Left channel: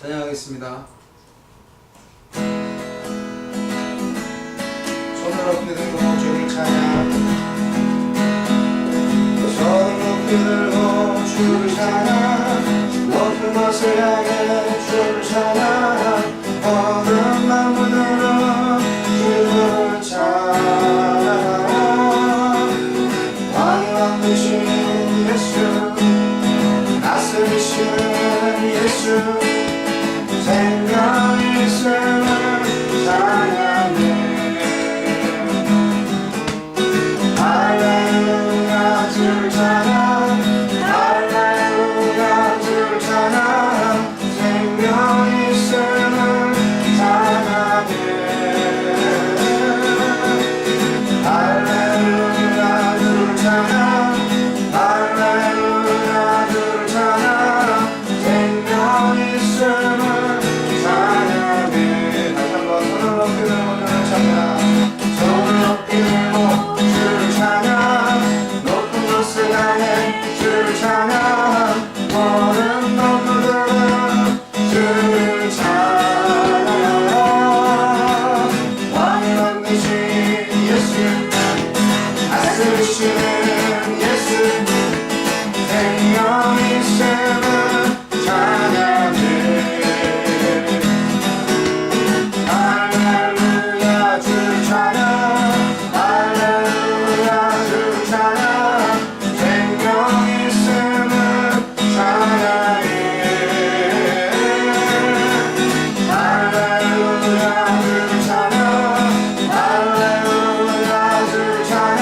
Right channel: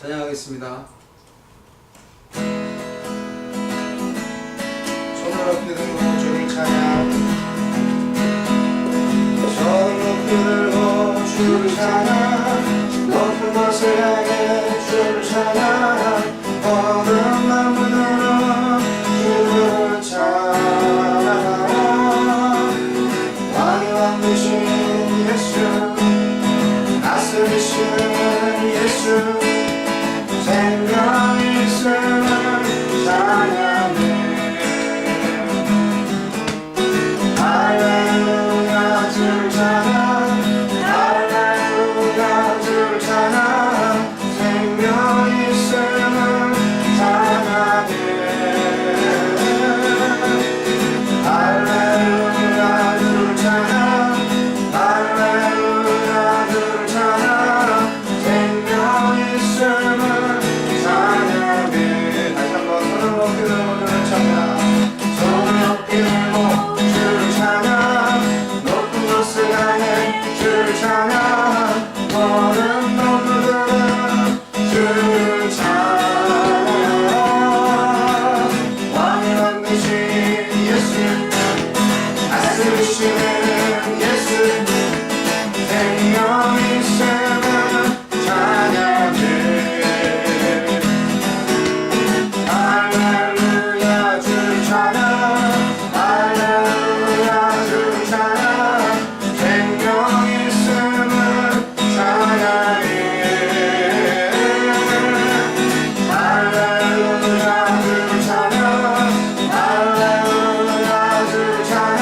찬양하겠습니다. 손을 높이 들고 주를 찬양. 손을 높이 들고 주를 찬양. 높은 곳을 향해 주를 찬양. 모든 만물들은 주를 찬양. 왕의 왕 되신 예수, 다스리시는 예수, 생명이 있음을 찬양해. 할렐루야 주를 찬양. 할렐루야 주를 찬양. 생명이 있음을 찬양해. 할렐루야 주를 찬양. 할렐루야 주를 찬양. 생명이 있음을 찬양해. 다시 한번 손을 높이 들고 주를 찬양. 손을 높이 들고 주를 찬양. 높은 곳을 향해 주를 찬양. 모든 놈들은 주를 찬양. 왕의 왕 되신 예수, 다스리시는 예수, 생명이 있음을 찬양해. 할렐루야 주를 찬양. 할렐루야 주를 찬양. 생명이 있음을 찬양해. 할렐루야 주를 찬양. 할렐루야 주를 찬양.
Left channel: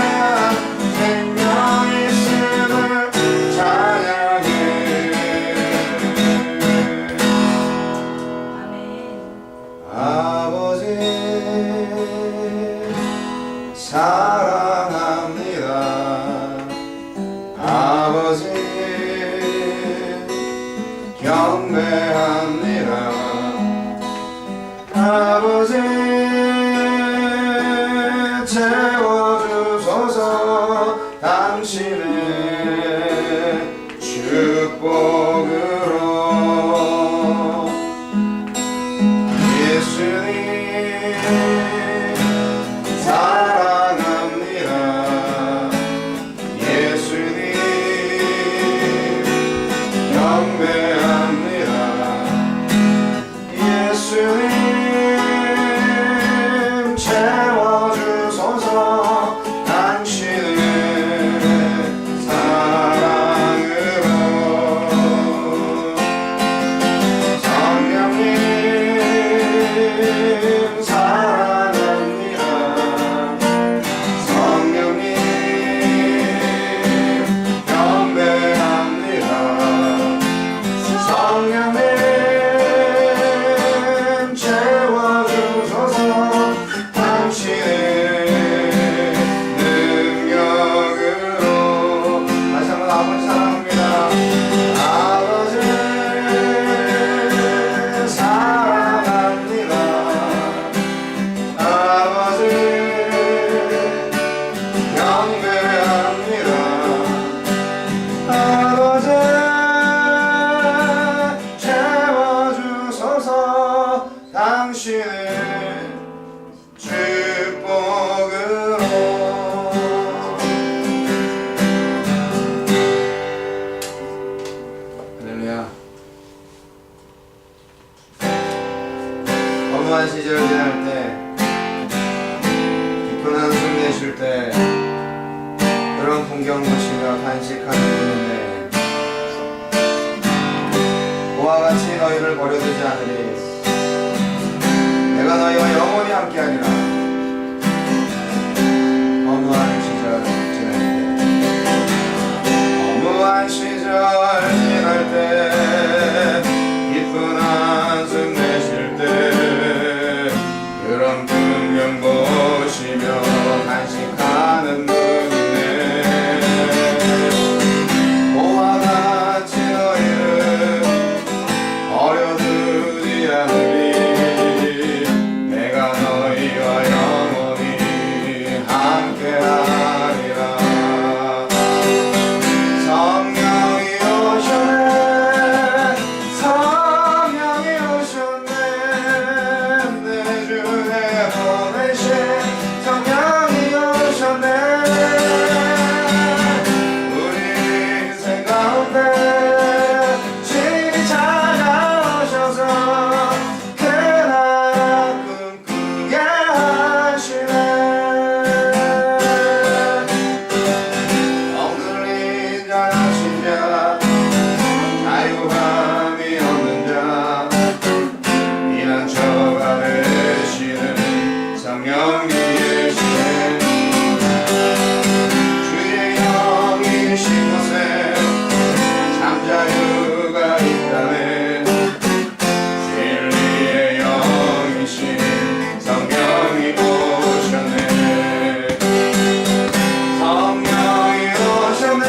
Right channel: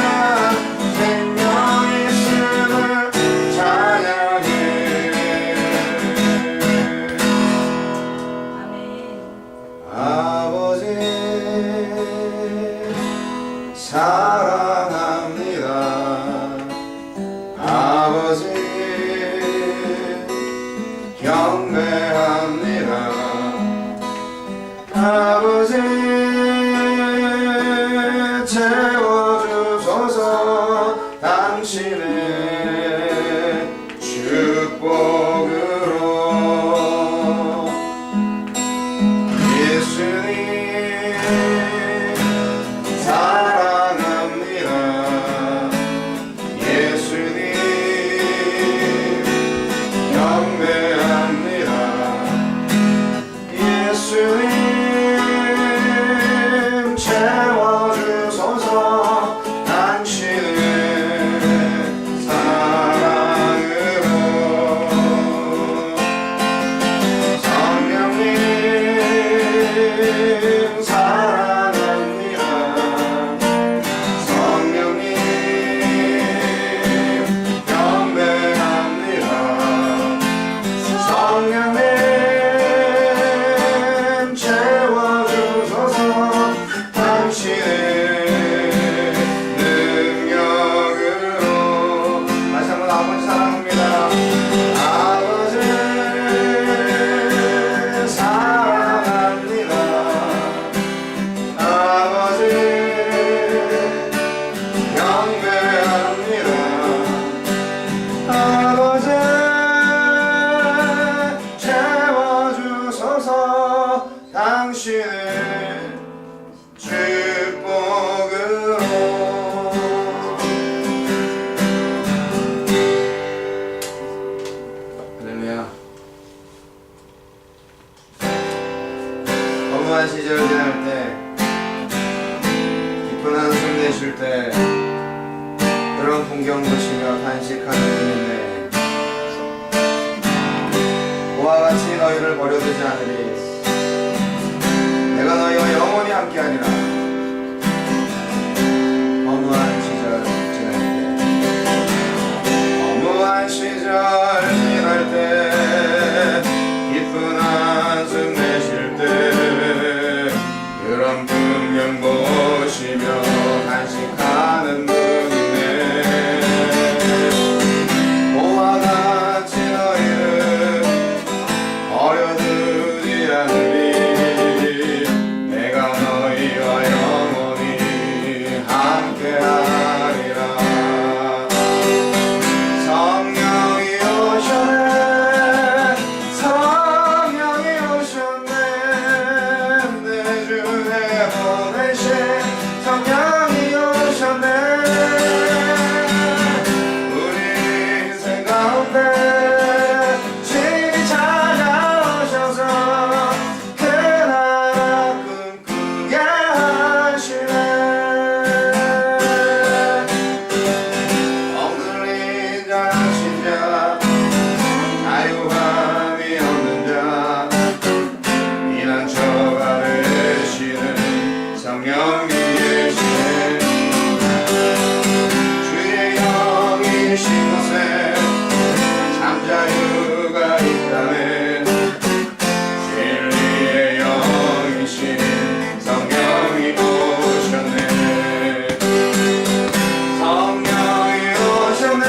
생명이 있음을 찬양해. 아버지 사랑합니다. 아버지 경배합니다. 아버지 채워주소서 당신의 축복으로. 예수님 사랑합니다. 예수님 경배합니다. 예수님 채워주소서 당신의 사랑으로. 성령님 사랑합니다. 성령님 경배합니다. 성령님 채워주소서 당신의 능력으로. 다시 한번 아버지 사랑합니다. 아버지 사랑합니다. 아버지 경배합니다. 아버지 채워주소서 당신의 축복으로. 할렐루야. 허무한 시절 지날 때, 깊은 한숨 내쉴 때, 그런 풍경 보시며 간식하는 분인데, 그와 같이 너희를 버려두지 않으리. 내가 너희와 영원히 함께하리라. 허무한 시절 지날 때, 허무한 시절 지날 때, 깊은 한숨 내쉴 때, 그런 풍경 보시며 간식하는 분이네. 그와 같이 너희를 버려두지 않으리. 내가 너희와 영원히 함께하리라. 성령이 오셔 계시네 주의 영이신 곳에 잠자유가 있다네 진리의 영이신 성령이 오셨네 성령이 오셨네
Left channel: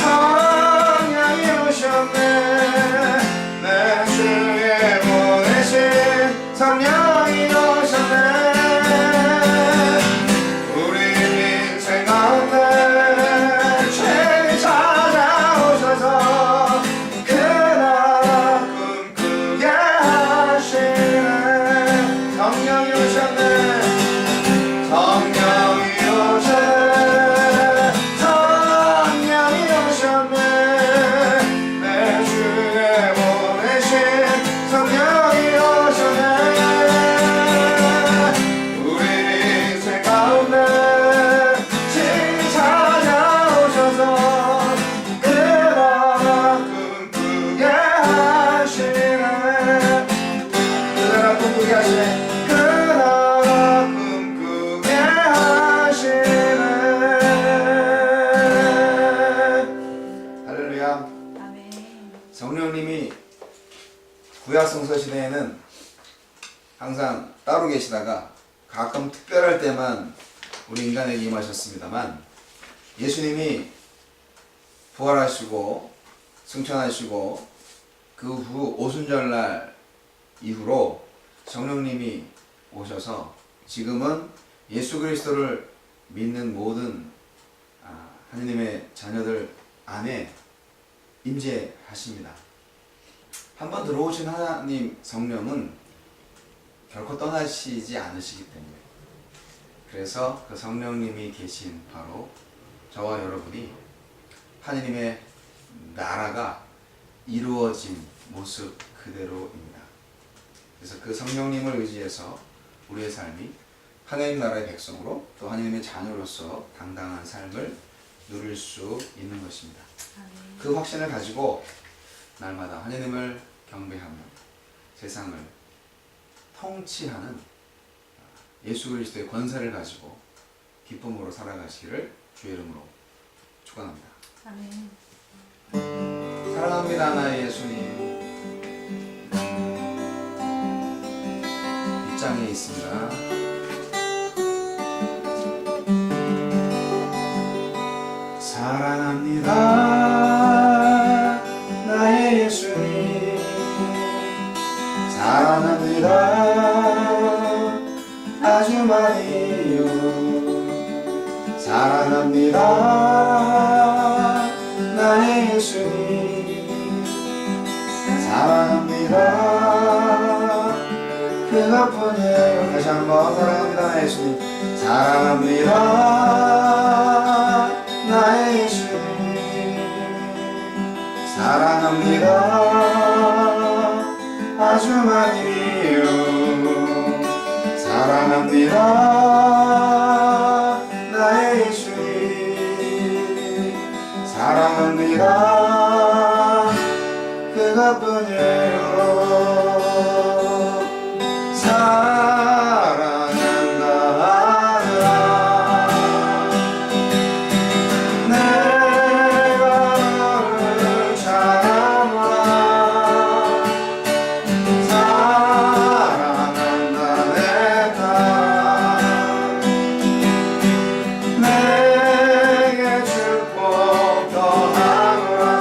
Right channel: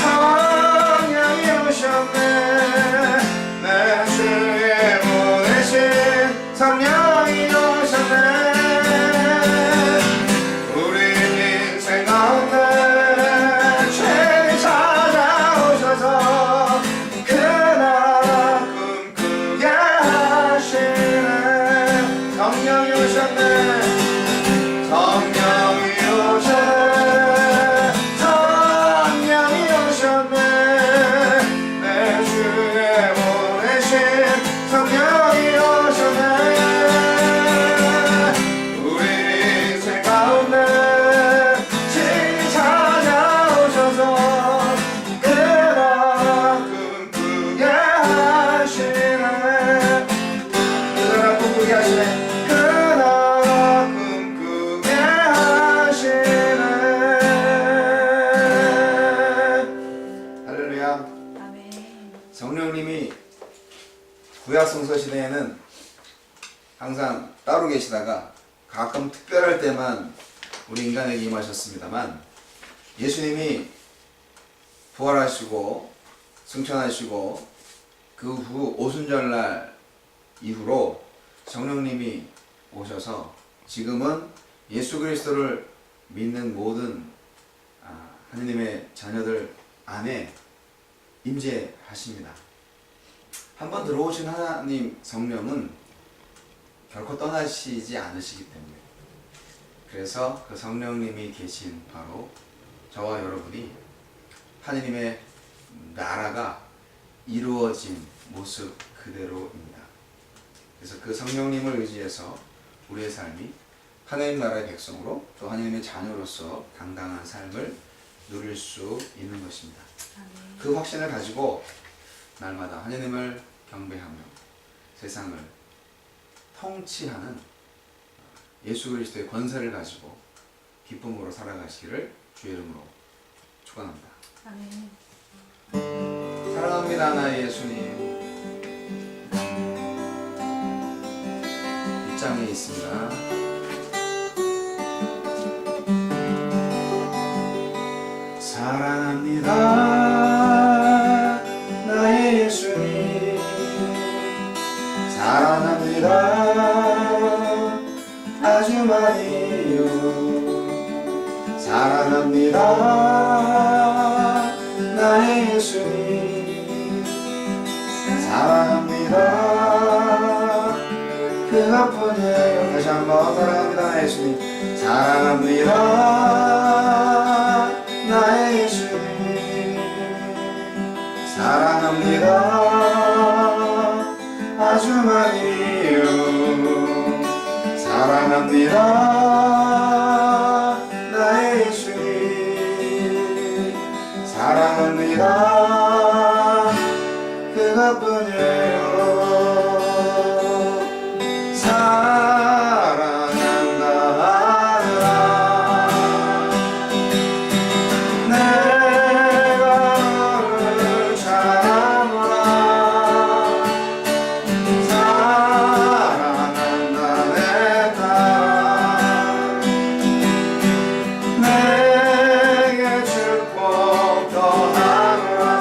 성령이 오셨네 내 주에 보내신 성령이 오셨네 우리 인생 가운데 죄 찾아오셔서 그 나라 꿈꾸게 하시네 성령이 오셨네 성령이 오셨네 성령이 오셨네 내 주에 보내신 성령이 오셨네 우리 인생 가운데 진리 찾아오셔서 그 나라 꿈꾸게 하시네 그 나라 꿈꾸게 하시네 그 나라 꿈꾸게 하시네 할렐루야 아멘. 성령님이 구약성서 시대에는 항상 따로 계시다가 가끔 특별할 때만 우리 인간에게 임하셨습니다만 예수님이 부활하시고 승천하시고 그 후 오순절날 이후로 성령님이 오셔서 지금은 예수 그리스도를 믿는 모든 하느님의 자녀들 안에 임재하십니다. 한번 들어오신 하나님 성령은 결코 떠나시지 않으시기 때문에 그래서 그 성령님이 계신 바로 저와 여러분이 하느님의 나라가 이루어진 모습 그대로입니다. 그래서 그 성령님을 의지해서 우리의 삶이 하나님 나라의 백성으로 또 하나님의 자녀로서 당당한 삶을 누릴 수 있는 것입니다. 아멘. 그 확신을 가지고 날마다 하나님을 경배하며 세상을 통치하는 예수 그리스도의 권세를 가지고 기쁨으로 살아가시기를 주의 이름으로 축원합니다. 아멘. 사랑합니다 나의 예수님. 빗장에 있습니다. 사랑합니다 나의 예수님. 사랑합니다 아주 많이요. 사랑합니다 나의 예수님. 사랑합니다 그것뿐이에요. 다시 한번 사랑합니다 나의 예수님. 사랑합니다 나의 예수님. 사랑합니다 아주 많이요. 사랑합니다 나의 예수님. 사랑합니다 그것뿐이에요. 사랑한다 하느라 내가 너를 사랑하노라. 사랑한다 내 딸 내게 축복 더하노라.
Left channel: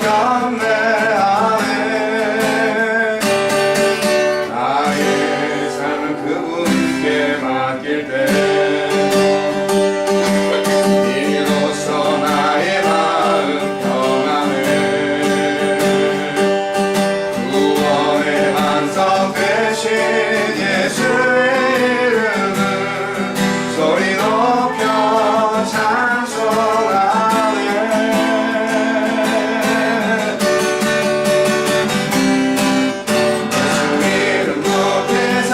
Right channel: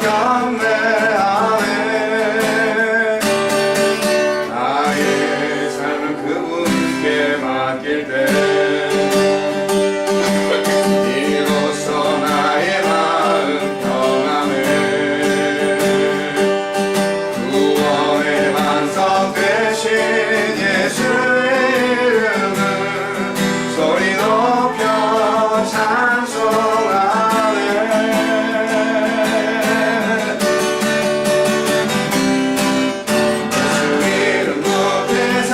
경배하네. 나의 삶을 그분께 맡길 때 이로써 나의 마음 평안해. 구원의 반석 되신 예수의 이름을 소리 높여 찬송하네. 예수 이름 높여서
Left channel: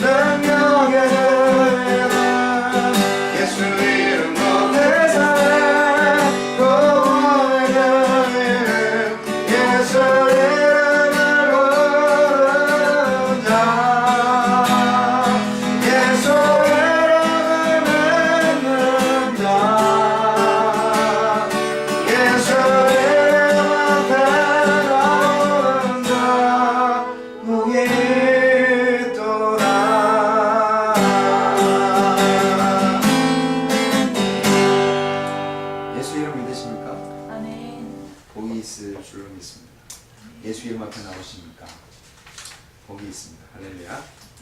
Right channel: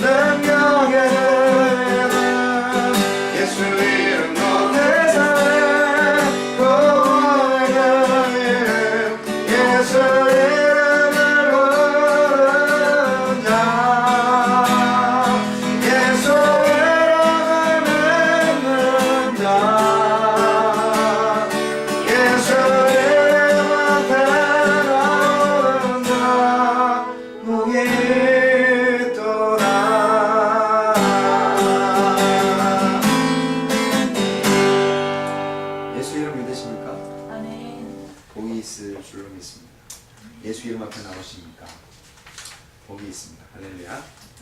능력의 은혜는 예수 이름 높여서 구원의 이름 예수 이름을 부르는 자 예수 이름을 믿는 자 예수 이름을 따라오는 자 복이 있도다. 예수 이름 믿으십니까? 아멘. 복이 있을 줄로 믿습니다. 예수 이름 앞에 나오십니까? 복이 있습니다. 할렐루야.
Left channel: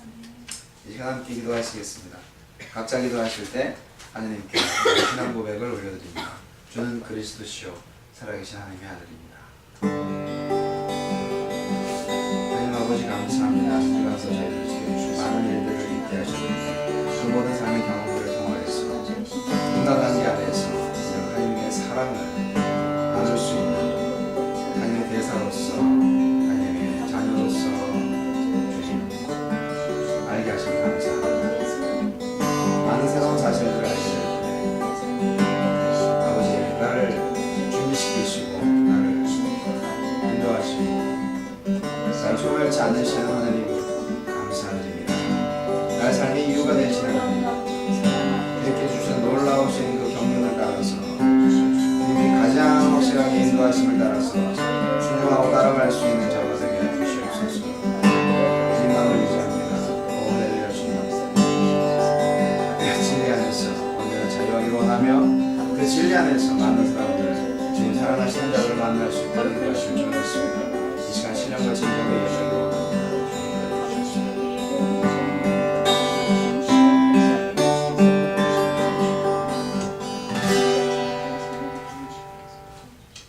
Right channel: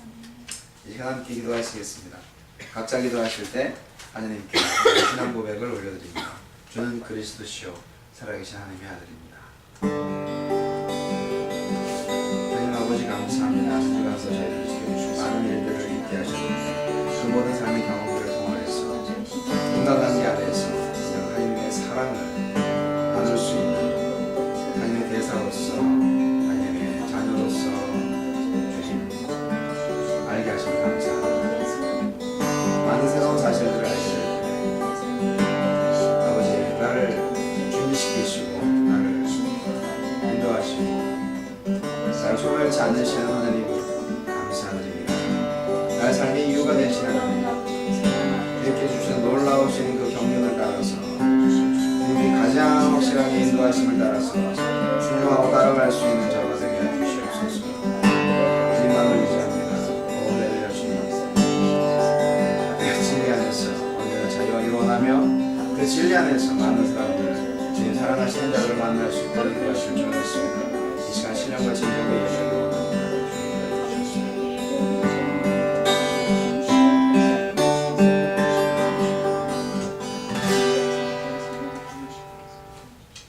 아멘. 이 시간 함께 기도하시겠습니다. 각자 기도하실 때 하나님께 신앙 고백을 올려드립니다. 주는 그리스도시요 살아계신 하나님의 아들입니다. 하나님 아버지 감사합니다. 주가서 저희를 지켜주시고 많은 일들을 있게 하셨는데 그 모든 삶의 경험들을 통하여서 인간관계 안에서 하나님의 사랑을 나눌 수 있는 하나님의 대사로서 하나님의 자녀로서 주신 알게 하시면 감사합니다. 많은 새로운 사실들을 알게 될 때 아버지 나를 준비시키시고 나를 인도하시고 나를 소멸치 않으시는 하나님 감사드립니다. 나의 삶의 이유가 되신 하나님 이렇게 주신 놀라우신 그 경륜을 따라서 주님이 가장 확실하게 인도하심을 따라서 순종하고 따라갈 수 있는 자가 되게 해주시옵소서. 주님만을 의지합니다. 오늘의 주님 진리 안에서 언제나 자유와 일원하며 그 진리 안에서 많은 사람들 주님 살아나시는 자들을 만날 수 있도록 인도하실 줄 믿습니다. 이 시간 신령과 진정의 예배를 원합니다.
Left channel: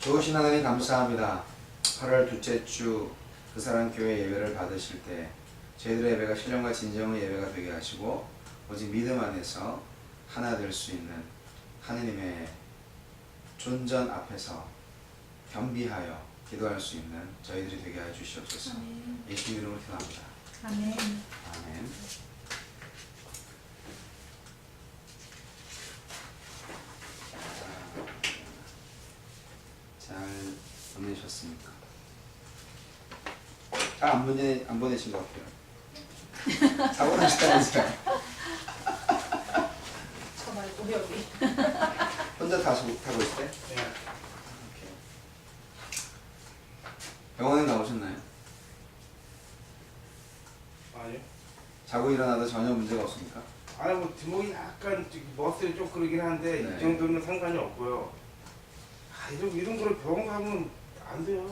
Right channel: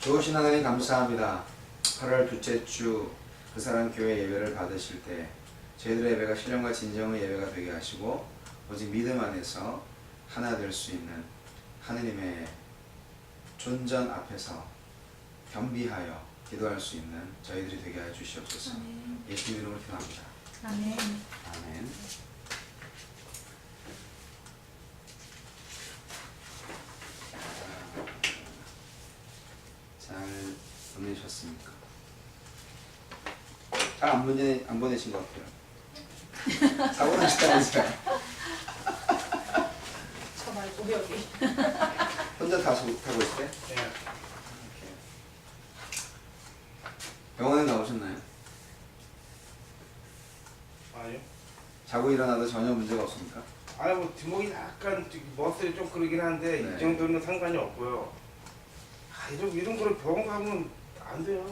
좋으신 하나님 감사합니다. 8월 둘째 주 그 사람 교회 예배를 받으실 때 저희들의 예배가 신령과 진정의 예배가 되게 하시고 오직 믿음 안에서 하나 될 수 있는 하느님의 존전 앞에서 겸비하여 기도할 수 있는 저희들이 되게 해 주시옵소서. 아멘. 예수님 이름으로 기도합니다. 아멘. 아멘. 잘 보내셨습니까? 잘 안 보내신 것 같아요. 사고 나셨다면서요? 저 말고 여기. 혼자 타고 있을 때? 네. 오케이. 병원에 나오셨나요? 아니요. 자고 일어나도 전혀 문제가 없습니까? 아니 뭐 뒷목이 약간 머슬이 좀 그러긴 한데 네. 이 정도는 상관이 없고요. 아 이런 거를 병원 가면 안 돼요.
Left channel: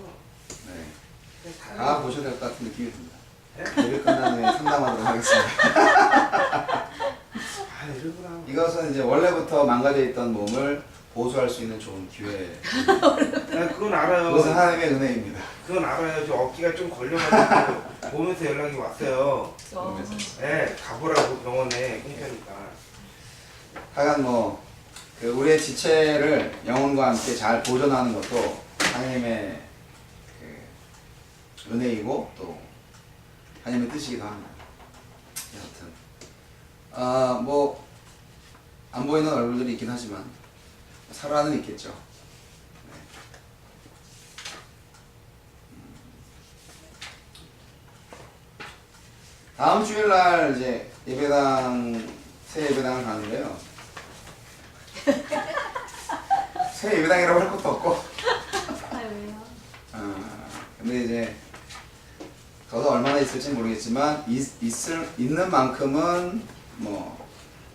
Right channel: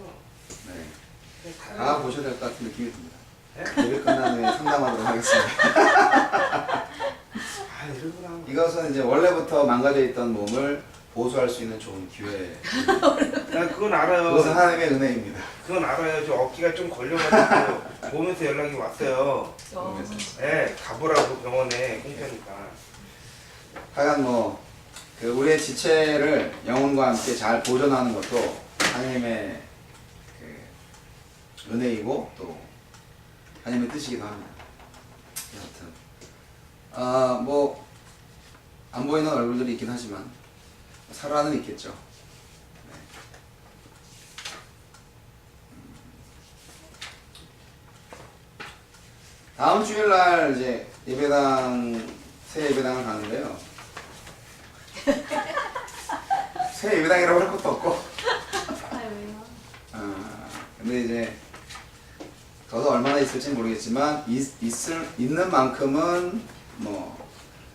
네. 그냥 다 다 보셔야 될 것 같은 느낌이 듭니다. 네? 예배 끝난 후에 상담하도록 하겠습니다. 아 이런 거랑 이것은 이제 원래부터 망가져 있던 몸을 보수할 수 있는 좋은 기회. 난 그건 알아요. 그것은 하나님의 은혜입니다. 그건 알아요. 저 어깨가 좀 걸려가지고 몸에서 연락이 왔어요. 몸에서. 네, 가보라고 병원에 공짜니까. 하여간 그 우리의 지체를 영혼과 함께 잘 보존하는 것도 하나님의 그 은혜이고 또 하나님의 뜻이기도 합니다. 여하튼 안 보이는 얼굴들이 있긴 하지만 살아는 있겠죠. 네. 다음 주일날 이제 새 예배당을 가는데요. 새 예배당이라고 할 것도 없고. 아 왜요? 근데 이제 저도 얼마나 있을지 모르겠지만 있는 만큼은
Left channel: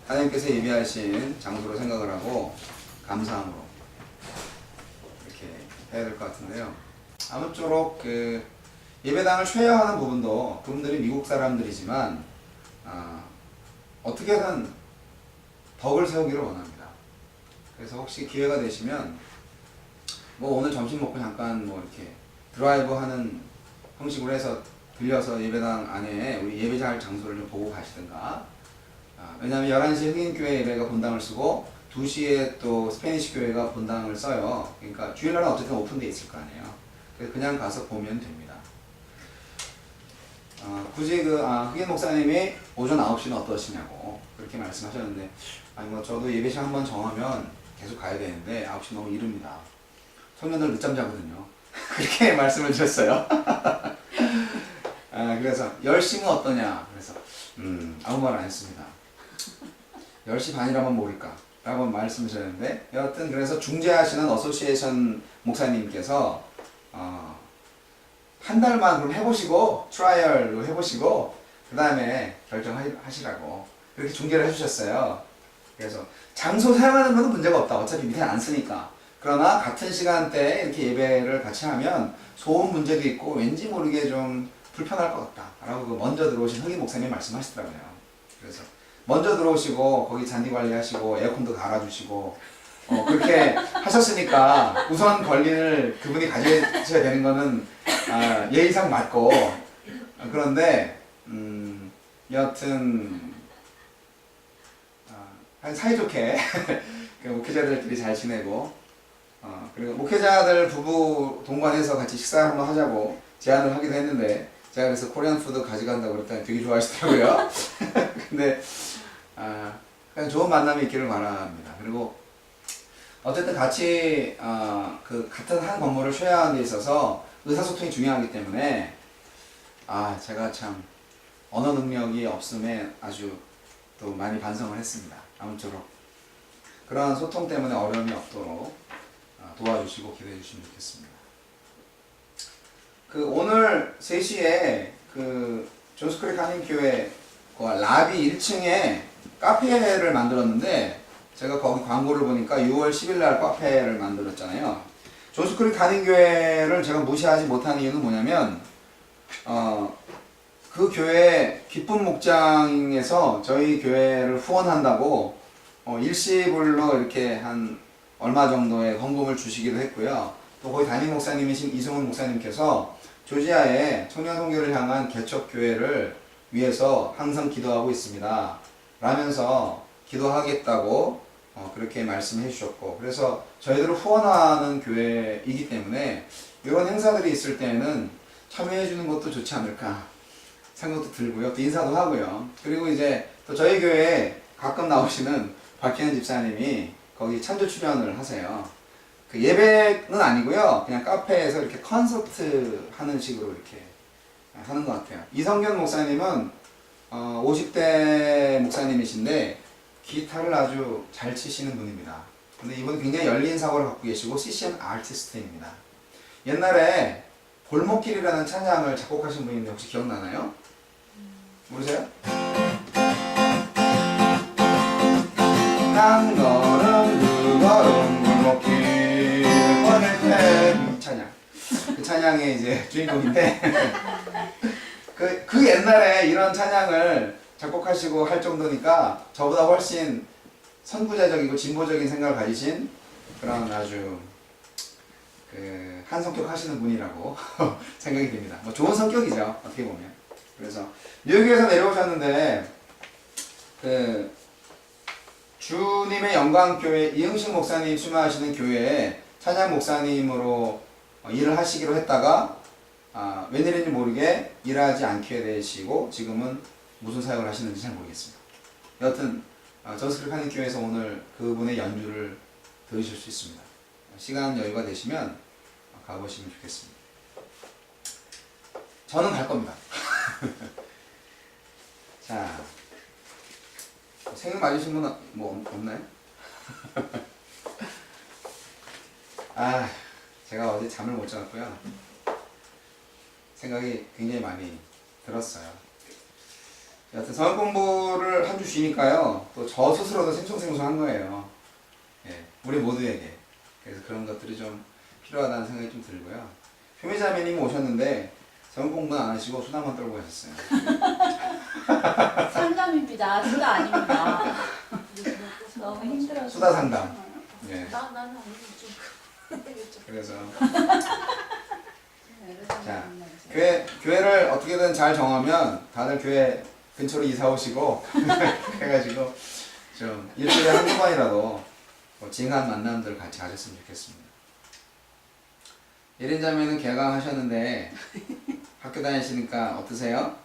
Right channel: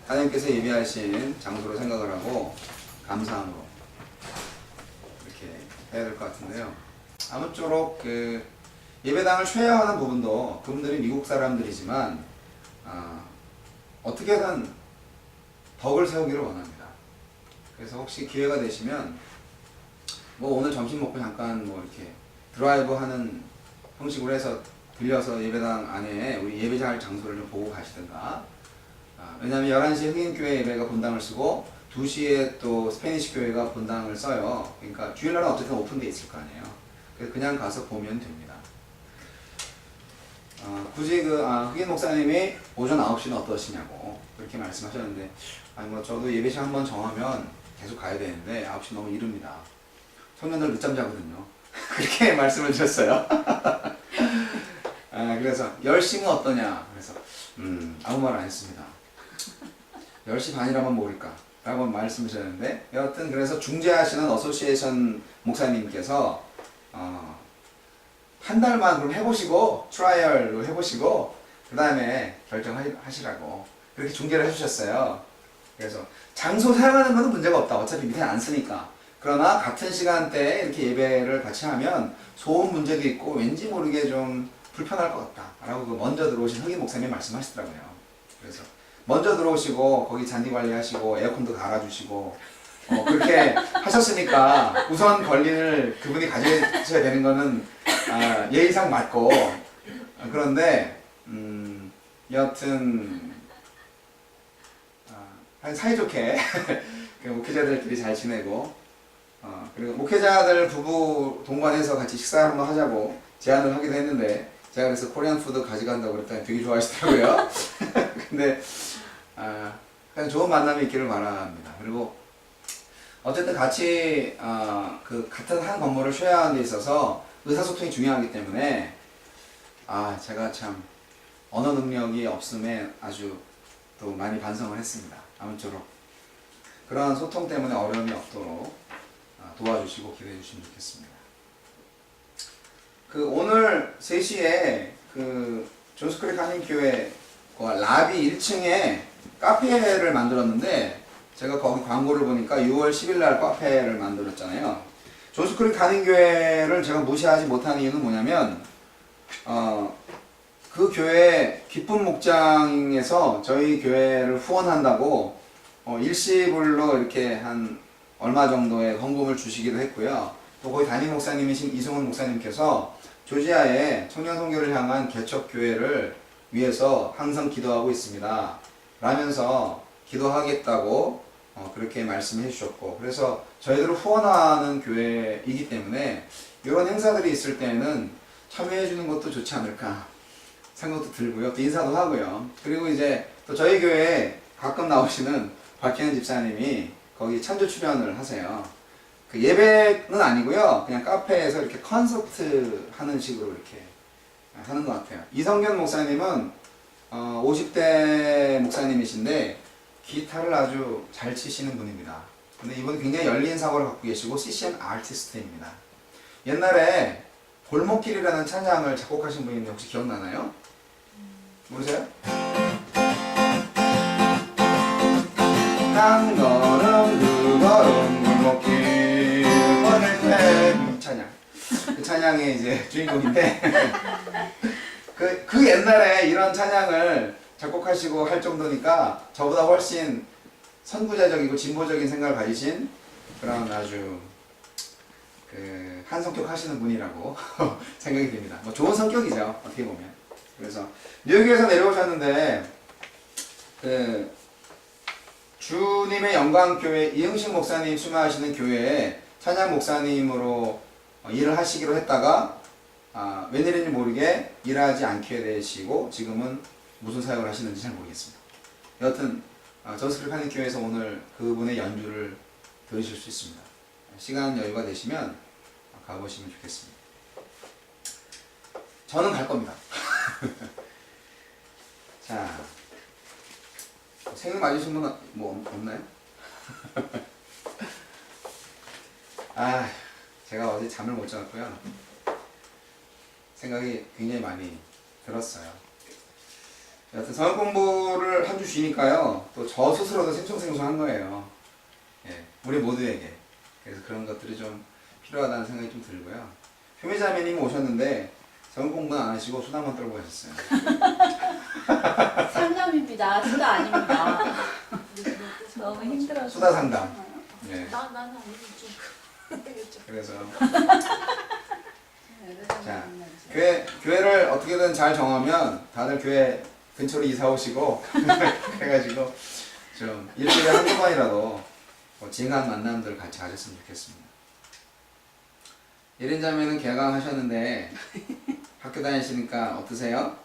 하나님께서 예비하신 장소로 생각을 하고 감사함으로 이렇게 해야 될 것 같은데요. 아무쪼록 그 예배당을 쉐어하는 부분도 그분들이 미국 사람들이지만 어떻게든 덕을 세우기를 원합니다. 그래서 혹시 기회가 되시면 뭐 오늘 점심 먹고 잠깐 뭐 이렇게 드라이브 하는 형식으로 해서 들려서 예배당 안에 우리 예배할 장소를 좀 보고 가시든가. 왜냐하면 11시에 흑인교회 예배가 본당을 쓰고 2시에 또 스페니시 교회가 본당을 써요. 그러니까 주일날은 어쨌든 오픈돼 있을 거 아니에요. 그래서 그냥 가서 보면 됩니다. 굳이 흑인 목사님이 오전 9시는 어떠시냐고 그렇게 말씀하셨는데, 아니 뭐 저도 예배 시간 한번 정하면 계속 가야 되는데 9시 너무 이릅니다. 청년들 늦잠 자거든요. 그렇게 말씀을 드렸어요. 그래서 10시면 어떠냐? 그래서 아무 말 안 했습니다. 10시 반이라면 모를까? 라고 말씀하셨는데, 여하튼 그래서 중재하시는 어소시에이션 목사님께서 한 달만 그럼 해보시고 트라이얼로 해보시고 그 다음에 결정하시라고 그렇게 중재를 해주셨어요. 그래서 장소 사용하는 것은 문제가 없다. 어차피 밑에 안 쓰니까. 그러나 같은 시간대에 이렇게 예배를 같이 하면 소음 문제도 있고 왠지 모르게 좀 불편할 것 같다 라고 먼저 들어오신 흑인 목사님이 말씀하시더라고요. 그래서 먼저 들어오시고 거기 잔디 관리하시고 에어컨도 갈아주시고 그렇게 하셨으니까 우선 권리를 그분이 가져야 되는 거는 예의상 맞고, 그런데 여하튼 사이좋게 그 목회자들끼리 잘 지내고, 그리고 목회자들 부부 동반해서 같이 식사 한번 하자고 제안을 하기도 했는데, 제가 그래서 코리안 푸드 가져간다고 그랬더니 되게 좋아하시더라고요. 근데 그냥 좋은 만남이 있기를 바랍니다. 그리고 어쨌든 같이 그 같은 한 건물을 쉐어하는 데 있어서 의사소통이 중요하기 때문에 제가 참 언어 능력이 없음에 아주 또 많이 반성을 했습니다. 아무쪼록 그러한 소통 때문에 어려움이 없도록 도와주시고 기도해 주시면 좋겠습니다. 그 오늘 3시에 그 존스크릭 한인교회 라비 1층에 카페를 만들었는데, 제가 거기 광고를 보니까 6월 10일 날 카페를 만들었잖아요. 존스크릭 한인교회를 제가 무시하지 못하는 이유는 뭐냐면 그 교회 기쁜 목장에서 저희 교회를 후원한다고 일시불로 이렇게 한 얼마 정도의 헌금을 주시기도 했고요. 또 거기 담임 목사님이신 이승훈 목사님께서 조지아에 청년 선교를 향한 개척교회를 위해서 항상 기도하고 있습니다 라면서 기도하겠다고 그렇게 말씀해 주셨고, 그래서 저희들을 후원하는 교회이기 때문에 이런 행사들이 있을 때는 참여해 주는 것도 좋지 않을까 생각도 들고요. 또 인사도 하고요. 그리고 이제 또 저희 교회에 가끔 나오시는 박혜연 집사님이 거기 찬조 출연을 하세요. 그 예배는 아니고요. 그냥 카페에서 이렇게 콘서트 하는 식으로 이렇게 하는 것 같아요. 이성견 목사님은 50대 목사님이신데 기타를 아주 잘 치시는 분입니다. 근데 이분은 굉장히 열린 사고를 갖고 계시고 CCM 아티스트입니다. 옛날에 골목길이라는 찬양을 작곡하신 분인데 혹시 기억나나요? 모르세요? 한 걸음 두 걸음 골목길 걸을 때 이 찬양, 그 찬양의 이제 주인공인데 그 옛날에 이런 찬양을 작곡하시고 할 정도니까 저보다 훨씬 선구자적이고 진보적인 생각을 가지신 그런 아주 그 한 성격 하시는 분이라고 생각이 듭니다. 뭐 좋은 성격이죠, 어떻게 보면. 그래서 뉴욕에서 내려오셨는데 그 주님의 영광교회 이응식 목사님 수마하시는 교회에 찬양 목사님으로 일을 하시기로 했다가 웬일인지 모르게 일하지 않게 되시고 지금은 무슨 사역을 하시는지 잘 모르겠습니다. 여하튼 존스크릭 한인교회에서 오늘 그분의 연주를 들으실 수 있습니다. 시간 여유가 되시면 가보시면 좋겠습니다. 저는 갈 겁니다. 자, 생일 맞으신 분은 뭐 없나요? 제가 어제 잠을 못 자고요. 생각이 굉장히 많이 들었어요. 여하튼 성역 공부를 한 주 쉬니까요. 또 저 스스로도 생송생송한 거예요. 예, 우리 모두에게. 그래서 그런 것들이 좀 필요하다는 생각이 좀 들고요. 효미자매님 오셨는데 성경 공부는 안 하시고 수다만 떨고 가셨어요. 상담입니다. 수다 아닙니다. 너무 힘들어서. 수다 상담. 예. 나는 아니지 좀. 그래서 자 교회를 어떻게든 잘 정하면 다들 교회 근처로 이사 오시고 해가지고 좀 일주일에 한두 번이라도 뭐 징한 만남들 같이 하셨으면 좋겠습니다. 1인 자매는 개강하셨는데 학교 다니시니까 어떠세요?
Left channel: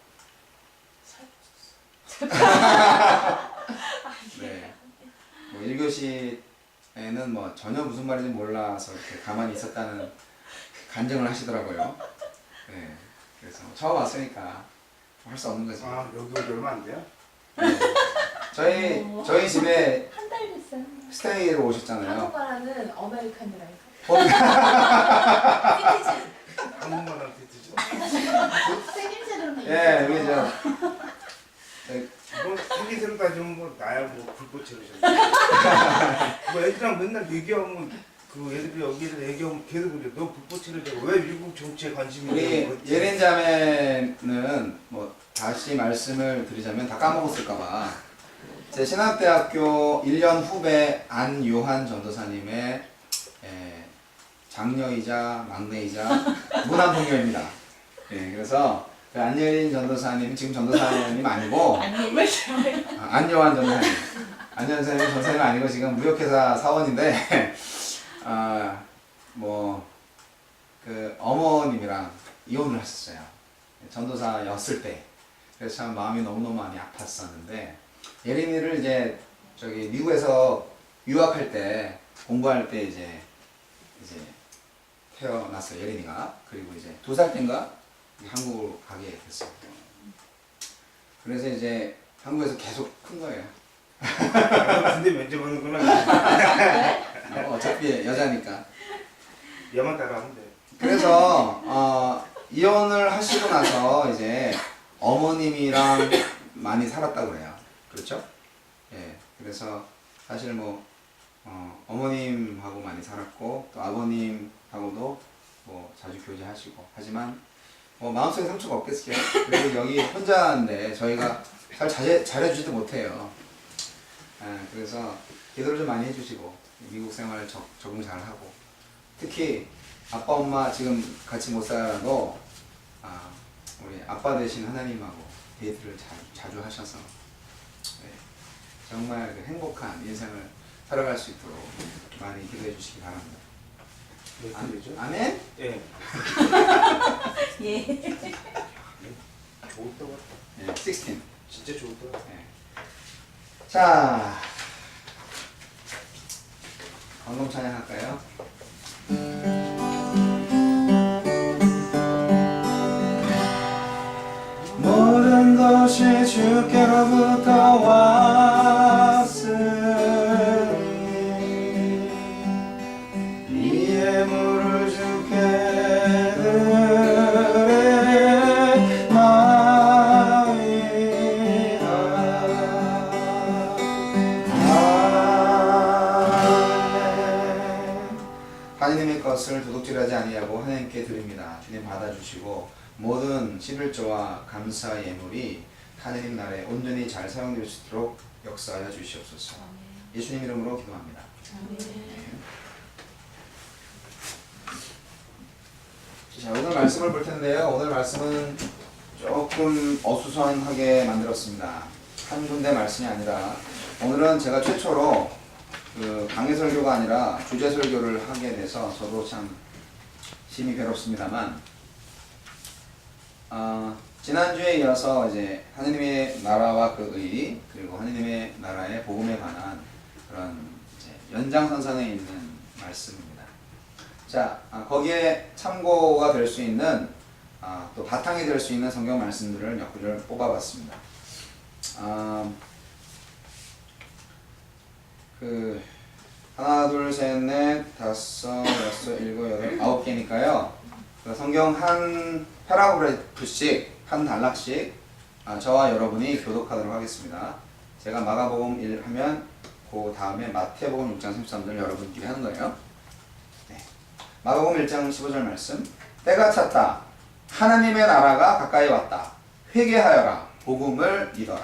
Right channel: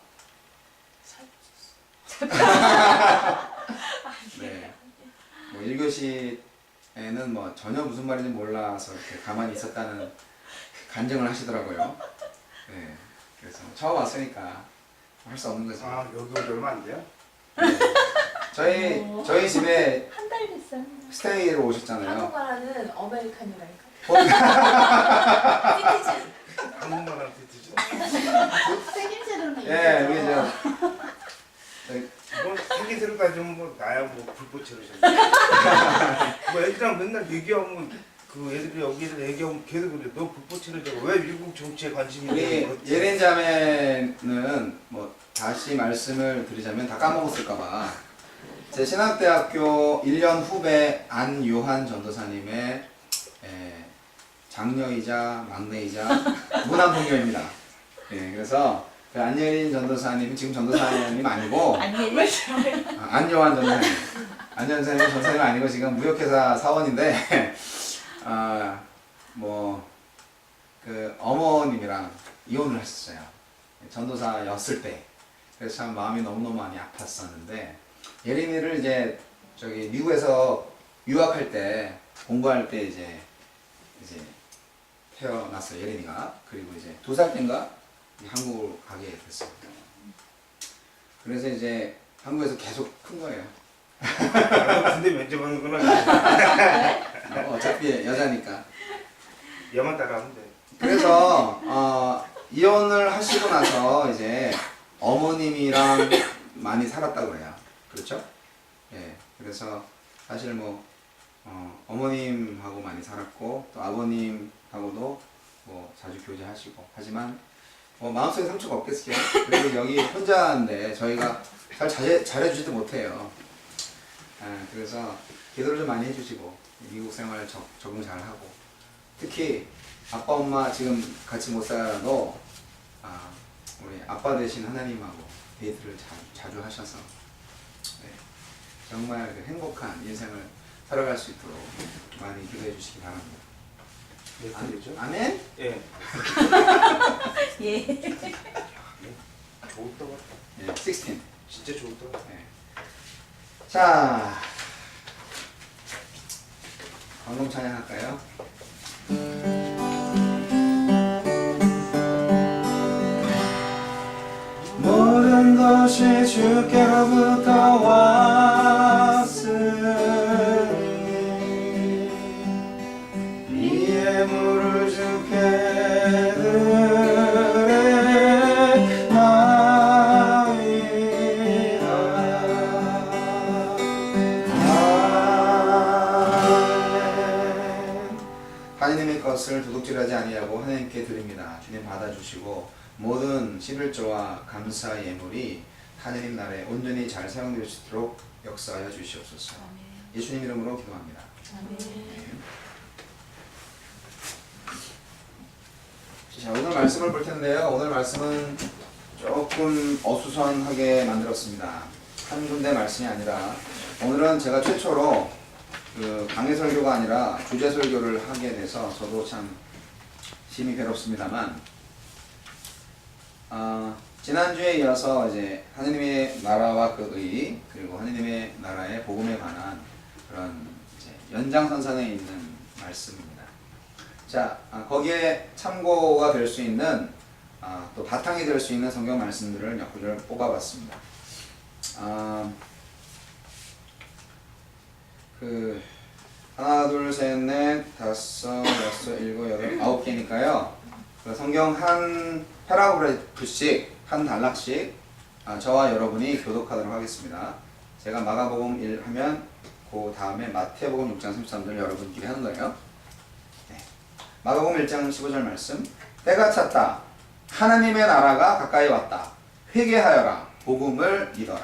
네. 뭐 1교시에는 뭐 전혀 무슨 말인지 몰라서 이렇게 가만히 있었다는 간증을 하시더라고요. 네. 그래서 처음 왔으니까 할 수 없는 거죠. 아 여기 오지 얼마 안 돼요? 네. 저희 집에 한 달 됐어요. 스테이로 오셨잖아요. 한국말하는 아메리칸이라니까. 한국말한테 드죠. 생김새로는 예, 우리 저 뭐 생기새로 따지면 뭐 나야 뭐 불꽃처럼 뭐 애들이랑 맨날 얘기하면 그 애들이 여기를 얘기하면 계속 그래. 너 불꽃처럼 왜 미국 정치에 관심이 우리 있는 거지? 예린 자매는 뭐 다시 말씀을 드리자면 다 까먹었을까봐 제 신학대학교 1년 후배 안요한 전도사님의 장녀이자 막내이자 무남동녀입니다. 예, 그래서 그 안예린 전도사님이 지금 전도사님 아니고 안요한 전도사님 안요한 전도사님 아니고 지금 무역회사 사원인데 뭐 그 어머님이랑 이혼을 하셨어요. 전도사였을 때. 그래서 참 마음이 너무너무 많이 아팠었는데 예린이를 이제 저기 미국에서 유학할 때 공부할 때 이제 태어났어요. 예린이가. 그리고 이제 2살 때인가 한국으로 가게 됐어요. 그래서 이제 한국에서 계속 큰 거예요. 근데 면접하는구나. 어차피 여자니까. 얘만 따라하면 돼. 그래서 이혼을 하시고 나서 이제 어머님이랑 많이 살았다고 그래요. 그렇죠? 예. 그래서 사실 뭐 어머님하고 많이 살았고 또 아버님하고도 뭐 자주 교제하시고 하지만 뭐 마음속에 상처가 없겠어요. 그리고 여기 혼자인데 저희가 잘 잘해주지도 못해요. 그래서 기도를 좀 많이 해주시고 미국 생활 적응 잘하고 특히 아빠 엄마 지금 같이 못 살아도 우리 아빠 되신 하나님하고 데이트를 자주 하셔서 정말 그 행복한 인생을 살아갈 수 있도록 많이 기도해 주시기 바랍니다. 몇 살이죠? 아멘? 예. 예. 좋을 것 같다. 예, 16. 진짜 좋을 것 같다. 예. 자, 광동 찬양할까요? 모든 것이 주께로부터 왔으니 이 예물을 주께 드리나이다. 아멘. 하나님의 것을 도둑질하지 아니하고 하나님께 드립니다. 주님 받아주시고 모든 11조와 감사 예물이 하느님 나라에 온전히 잘 사용될 수 있도록 역사하여 주시옵소서. 예수님 이름으로 기도합니다. 자, 오늘 말씀을 볼 텐데요. 오늘 말씀은 조금 어수선하게 만들었습니다. 한 군데 말씀이 아니라 오늘은 제가 최초로 그 강의 설교가 아니라 주제 설교를 하게 돼서 저도 참 심히 괴롭습니다만 지난주에 이어서 이제 하느님의 나라와 그 의 그리고 하느님의 나라의 복음에 관한 그런 이제 연장선상에 있는 말씀입니다. 자, 거기에 참고가 될 수 있는 또 바탕이 될 수 있는 성경 말씀들을 몇 구절 뽑아봤습니다. 그 하나, 둘, 셋, 넷, 다섯, 여섯, 일곱, 여덟, 9개니까요. 그 성경 한 패러그래프씩 한 단락씩 저와 여러분이 교독하도록 하겠습니다. 제가 마가복음 1 하면 그 다음에 마태복음 6장 33절 여러분끼리 하는 거예요. 네. 마가복음 1장 15절 말씀. 때가 찼다. 하나님의 나라가 가까이 왔다. 회개하여라. 복음을 믿어라.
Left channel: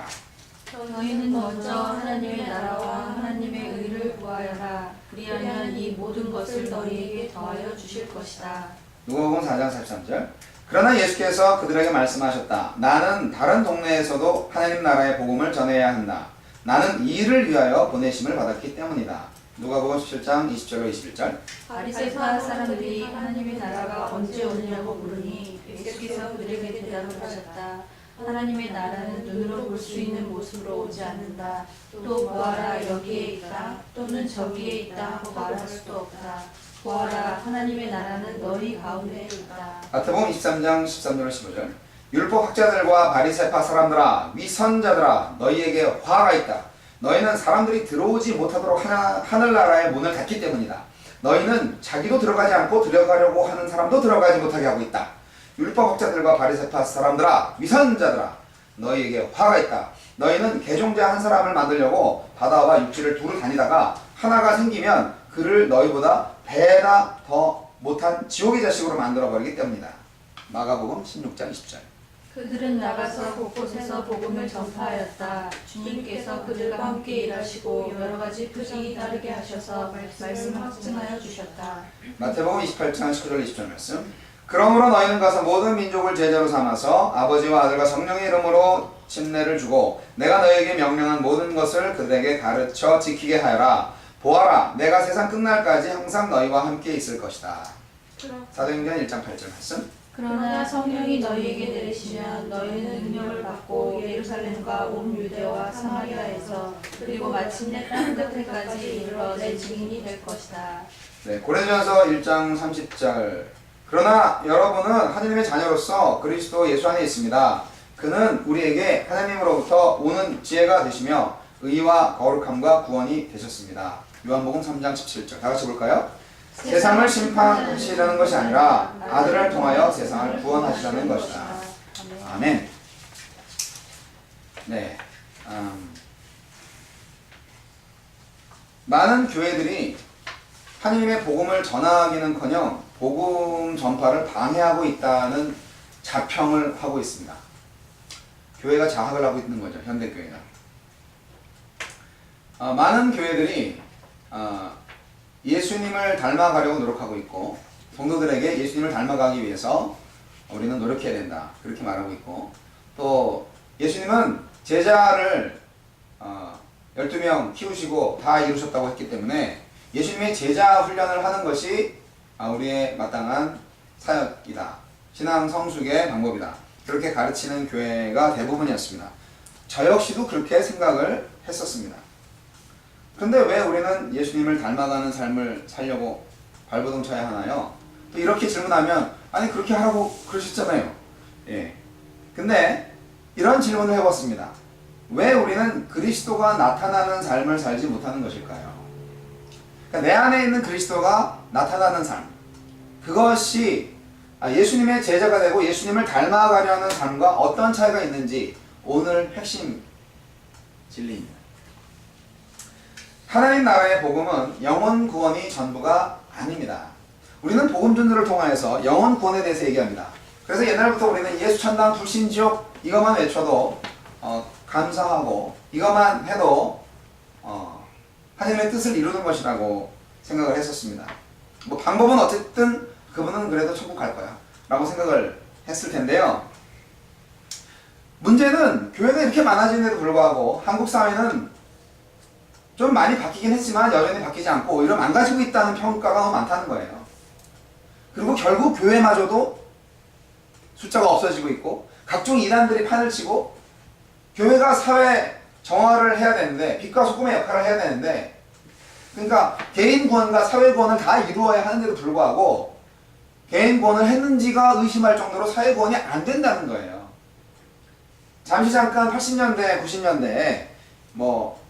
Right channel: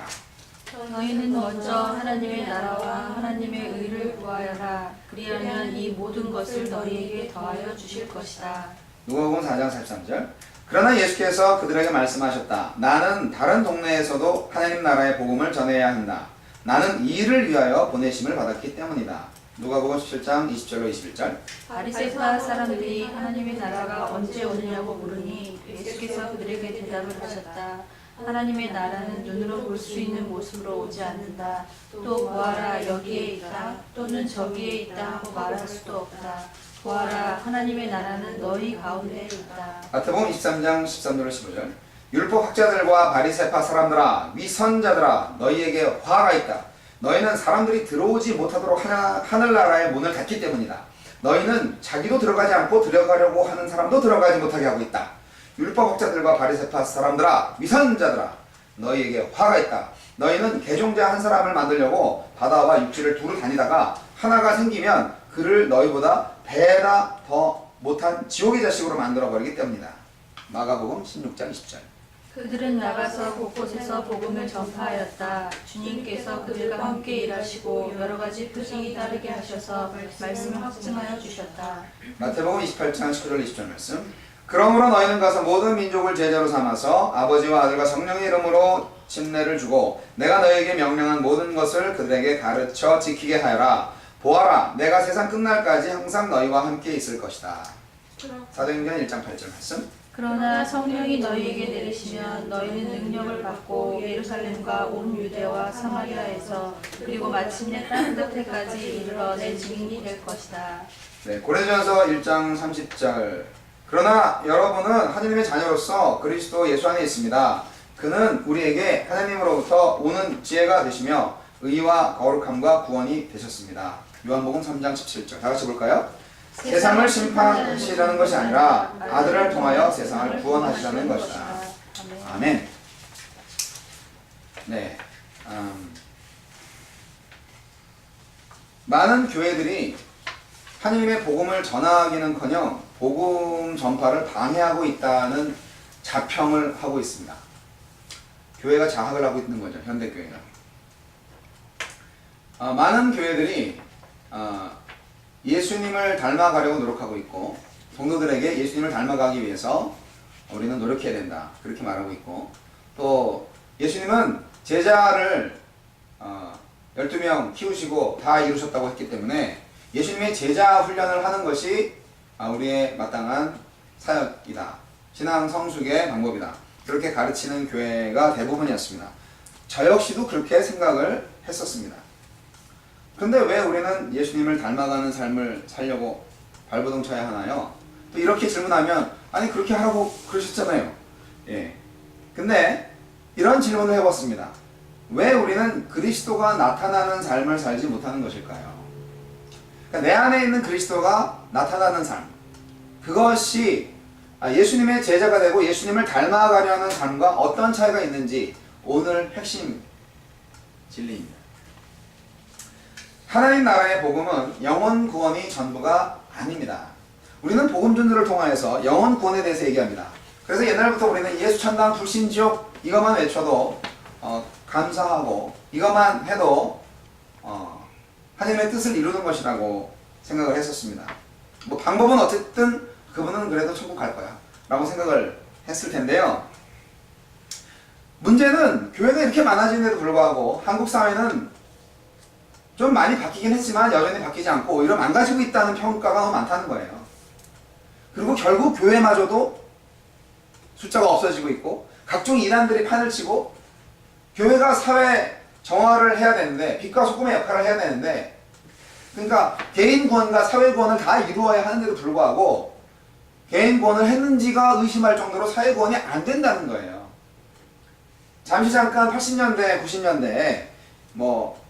너희는 먼저 하나님의 나라와 하나님의 의를 구하여라. 그리하면 이 모든 것을 너희에게 더하여 주실 것이다. 누가복음 4장 43절. 그러나 예수께서 그들에게 말씀하셨다. 나는 다른 동네에서도 하나님 나라의 복음을 전해야 한다. 나는 이 일을 위하여 보내심을 받았기 때문이다. 누가복음 17장 20절로 21절. 바리새파 사람들이 하나님의 나라가 언제 오느냐고 물으니 예수께서 그들에게 대답을 하셨다. 하나님의 나라는 눈으로 볼 수 있는 모습으로 오지 않는다. 또 보아라 여기에 있다 또는 저기에 있다 하고 말할 수도 없다. 보아라 하나님의 나라는 너희 가운데 있다. 마태복음 23장 13절로 15절. 율법 학자들과 바리새파 사람들아 위선자들아 너희에게 화가 있다. 너희는 사람들이 들어오지 못하도록 하늘나라의 문을 닫기 때문이다. 너희는 자기도 들어가지 않고 들어가려고 하는 사람도 들어가지 못하게 하고 있다. 율법 학자들과 바리새파 사람들아 위선자들아 너희에게 화가 있다. 너희는 개종자 한 사람을 만들려고 바다와 육지를 두루 다니다가 하나가 생기면 그를 너희보다 배나 더 못한 지옥의 자식으로 만들어버리기 때문이다. 마가복음 16장 20절. 그들은 나가서 곳곳에서 복음을 전파하였다. 주님께서 그들과 함께 일하시고 여러 가지 표징이 따르게 하셔서 말씀을 확증하여 주셨다. 마태복음 28장 19절 20절 말씀. 그러므로 너희는 가서 모든 민족을 제자로 삼아서 아버지와 아들과 성령의 이름으로 침례를 주고 내가 너희에게 명령한 모든 것을 그들에게 가르쳐 지키게 하여라. 보아라 내가 세상 끝날까지 항상 너희와 함께 있을 것이다. 사도행전 1장 8절 말씀. 그러나 성령이 너희에게 내리시면 너희는 능력을 받고 예루살렘과 온 유대와 사마리아에서 그리고 마침내 땅 끝에까지 이르러 내 증인이 될 것이다. 네, 고린도전서 1장 30절. 그러나 여러분은 하나님의 자녀로서 그리스도 예수 안에 있습니다. 그는 우리에게 하나님으로부터 오는 지혜가 되시며 의와 거룩함과 구원이 되셨습니다. 요한복음 3장 17절. 다 같이 볼까요? 세상을 심판하시려는 것이 아니라 아들을 통하여 세상을 구원하시려는 것이다. 아멘. 네. 많은 교회들이 하나님의 복음을 전하기는커녕 복음 전파를 방해하고 있다는 자평을 하고 있습니다. 교회가 자학을 하고 있는 거죠. 현대교회가. 많은 교회들이 예수님을 닮아가려고 노력하고 있고 성도들에게 예수님을 닮아가기 위해서 우리는 노력해야 된다. 그렇게 말하고 있고 또 예수님은 제자를 12명 키우시고 다 이루셨다고 했기 때문에 예수님의 제자 훈련을 하는 것이 우리의 마땅한 사역이다. 신앙 성숙의 방법이다. 그렇게 가르치는 교회가 대부분이었습니다. 저 역시도 그렇게 생각을 했었습니다. 근데 왜 우리는 예수님을 닮아가는 삶을 살려고 발버둥 쳐야 하나요? 또 이렇게 질문하면 아니 그렇게 하라고 그러셨잖아요. 예. 근데 이런 질문을 해봤습니다. 왜 우리는 그리스도가 나타나는 삶을 살지 못하는 것일까요? 그러니까 내 안에 있는 그리스도가 나타나는 삶, 그것이 예수님의 제자가 되고 예수님을 닮아가려는 삶과 어떤 차이가 있는지 오늘 핵심 진리입니다. 하나님 나라의 복음은 영혼 구원이 전부가 아닙니다. 우리는 복음 전도를 통하여서 영혼 구원에 대해서 얘기합니다. 그래서 옛날부터 우리는 예수 천당 불신 지옥 이것만 외쳐도 감사하고 이것만 해도 하나님의 뜻을 이루는 것이라고 생각을 했었습니다. 뭐 방법은 어쨌든 그분은 그래도 천국 갈 거야 라고 생각을 했을 텐데요. 문제는 교회가 이렇게 많아지는데도 불구하고 한국 사회는 좀 많이 바뀌긴 했지만 여전히 바뀌지 않고 오히려 망가지고 있다는 평가가 너무 많다는 거예요. 그리고 결국 교회마저도 숫자가 없어지고 있고 각종 이단들이 판을 치고 교회가 사회 정화를 해야 되는데 빛과 소금의 역할을 해야 되는데 그러니까 개인 구원과 사회 구원을 다 이루어야 하는데도 불구하고 개인 구원을 했는지가 의심할 정도로 사회 구원이 안 된다는 거예요. 잠시 잠깐 80년대 90년대에 뭐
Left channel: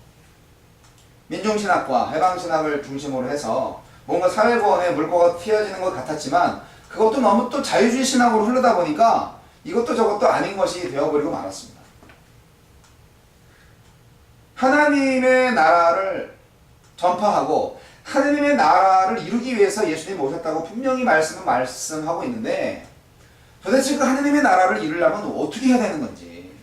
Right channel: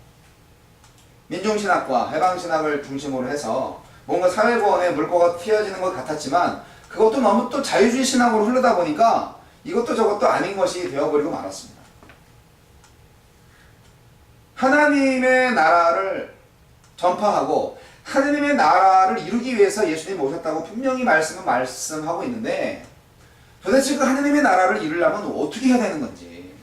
민중신학과 해방신학을 중심으로 해서 뭔가 사회구원에 물꼬가 튀어지는 것 같았지만 그것도 너무 또 자유주의 신학으로 흐르다 보니까 이것도 저것도 아닌 것이 되어버리고 말았습니다. 하나님의 나라를 전파하고 하느님의 나라를 이루기 위해서 예수님이 오셨다고 분명히 말씀하고 있는데 도대체 그 하느님의 나라를 이루려면 어떻게 해야 되는 건지,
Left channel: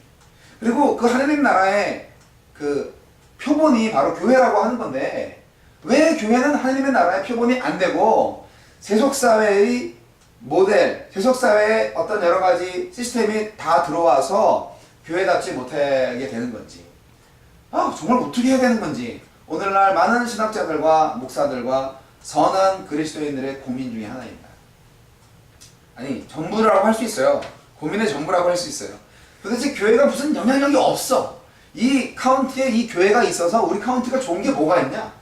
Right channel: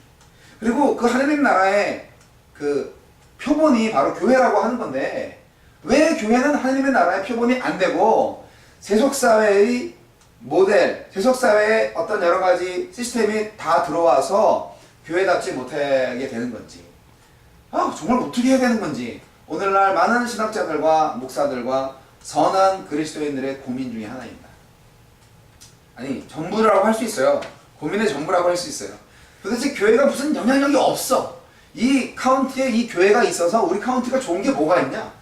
그리고 그 하느님 나라의 그 표본이 바로 교회라고 하는 건데 왜 교회는 하느님의 나라의 표본이 안 되고 세속사회의 모델, 세속사회의 어떤 여러 가지 시스템이 다 들어와서 교회답지 못하게 되는 건지, 정말 어떻게 해야 되는 건지 오늘날 많은 신학자들과 목사들과 선한 그리스도인들의 고민 중에 하나입니다. 아니, 전부라고 할 수 있어요. 고민의 전부라고 할 수 있어요. 도대체 교회가 무슨 영향력이 없어. 이 카운티에 이 교회가 있어서 우리 카운티가 좋은 게 뭐가 있냐?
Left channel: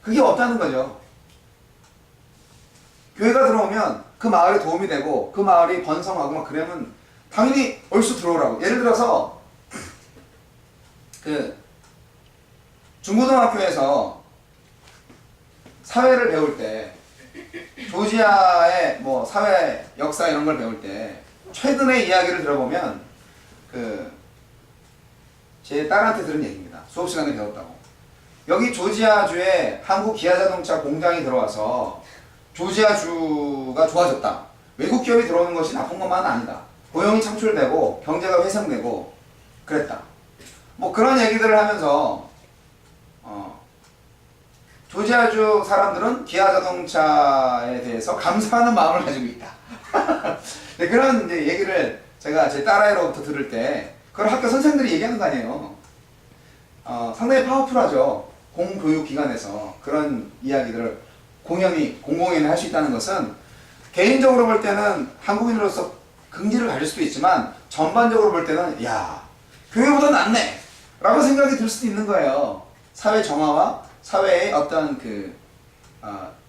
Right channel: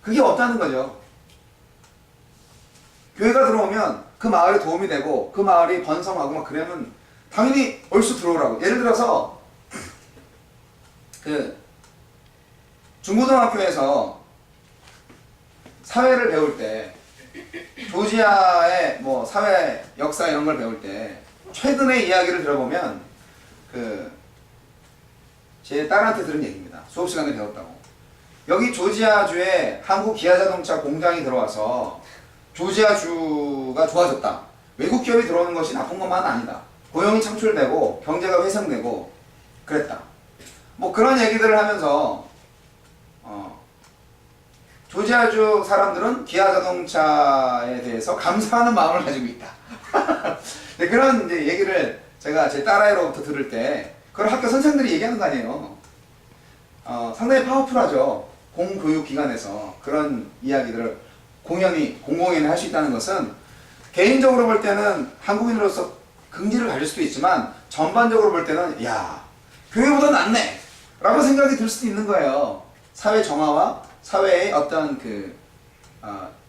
그게 없다는 거죠. 교회가 들어오면 그 마을에 도움이 되고 그 마을이 번성하고 막 그러면 당연히 얼쑤 들어오라고. 예를 들어서 그 중고등학교에서 사회를 배울 때 조지아의 뭐 사회 역사 이런 걸 배울 때 최근의 이야기를 들어보면 제 딸한테 들은 얘기입니다. 수업 시간에 배웠다고. 여기 조지아주에 한국 기아자동차 공장이 들어와서 조지아주가 좋아졌다. 외국 기업이 들어오는 것이 나쁜 것만은 아니다. 고용이 창출되고 경제가 회생되고 그랬다. 뭐 그런 얘기들을 하면서 조지아주 사람들은 기아자동차에 대해서 감사하는 마음을 가지고 있다. 네, 그런 이제 얘기를 제가 제 딸아이로부터 들을 때 그걸 학교 선생들이 얘기하는 거 아니에요. 상당히 파워풀하죠. 공교육기관에서 그런 이야기들을 공공연히 할 수 있다는 것은 개인적으로 볼 때는 한국인으로서 긍지를 가질 수도 있지만 전반적으로 볼 때는 야, 교회보다 낫네 라고 생각이 들 수도 있는 거예요. 사회 정화와 사회의 어떤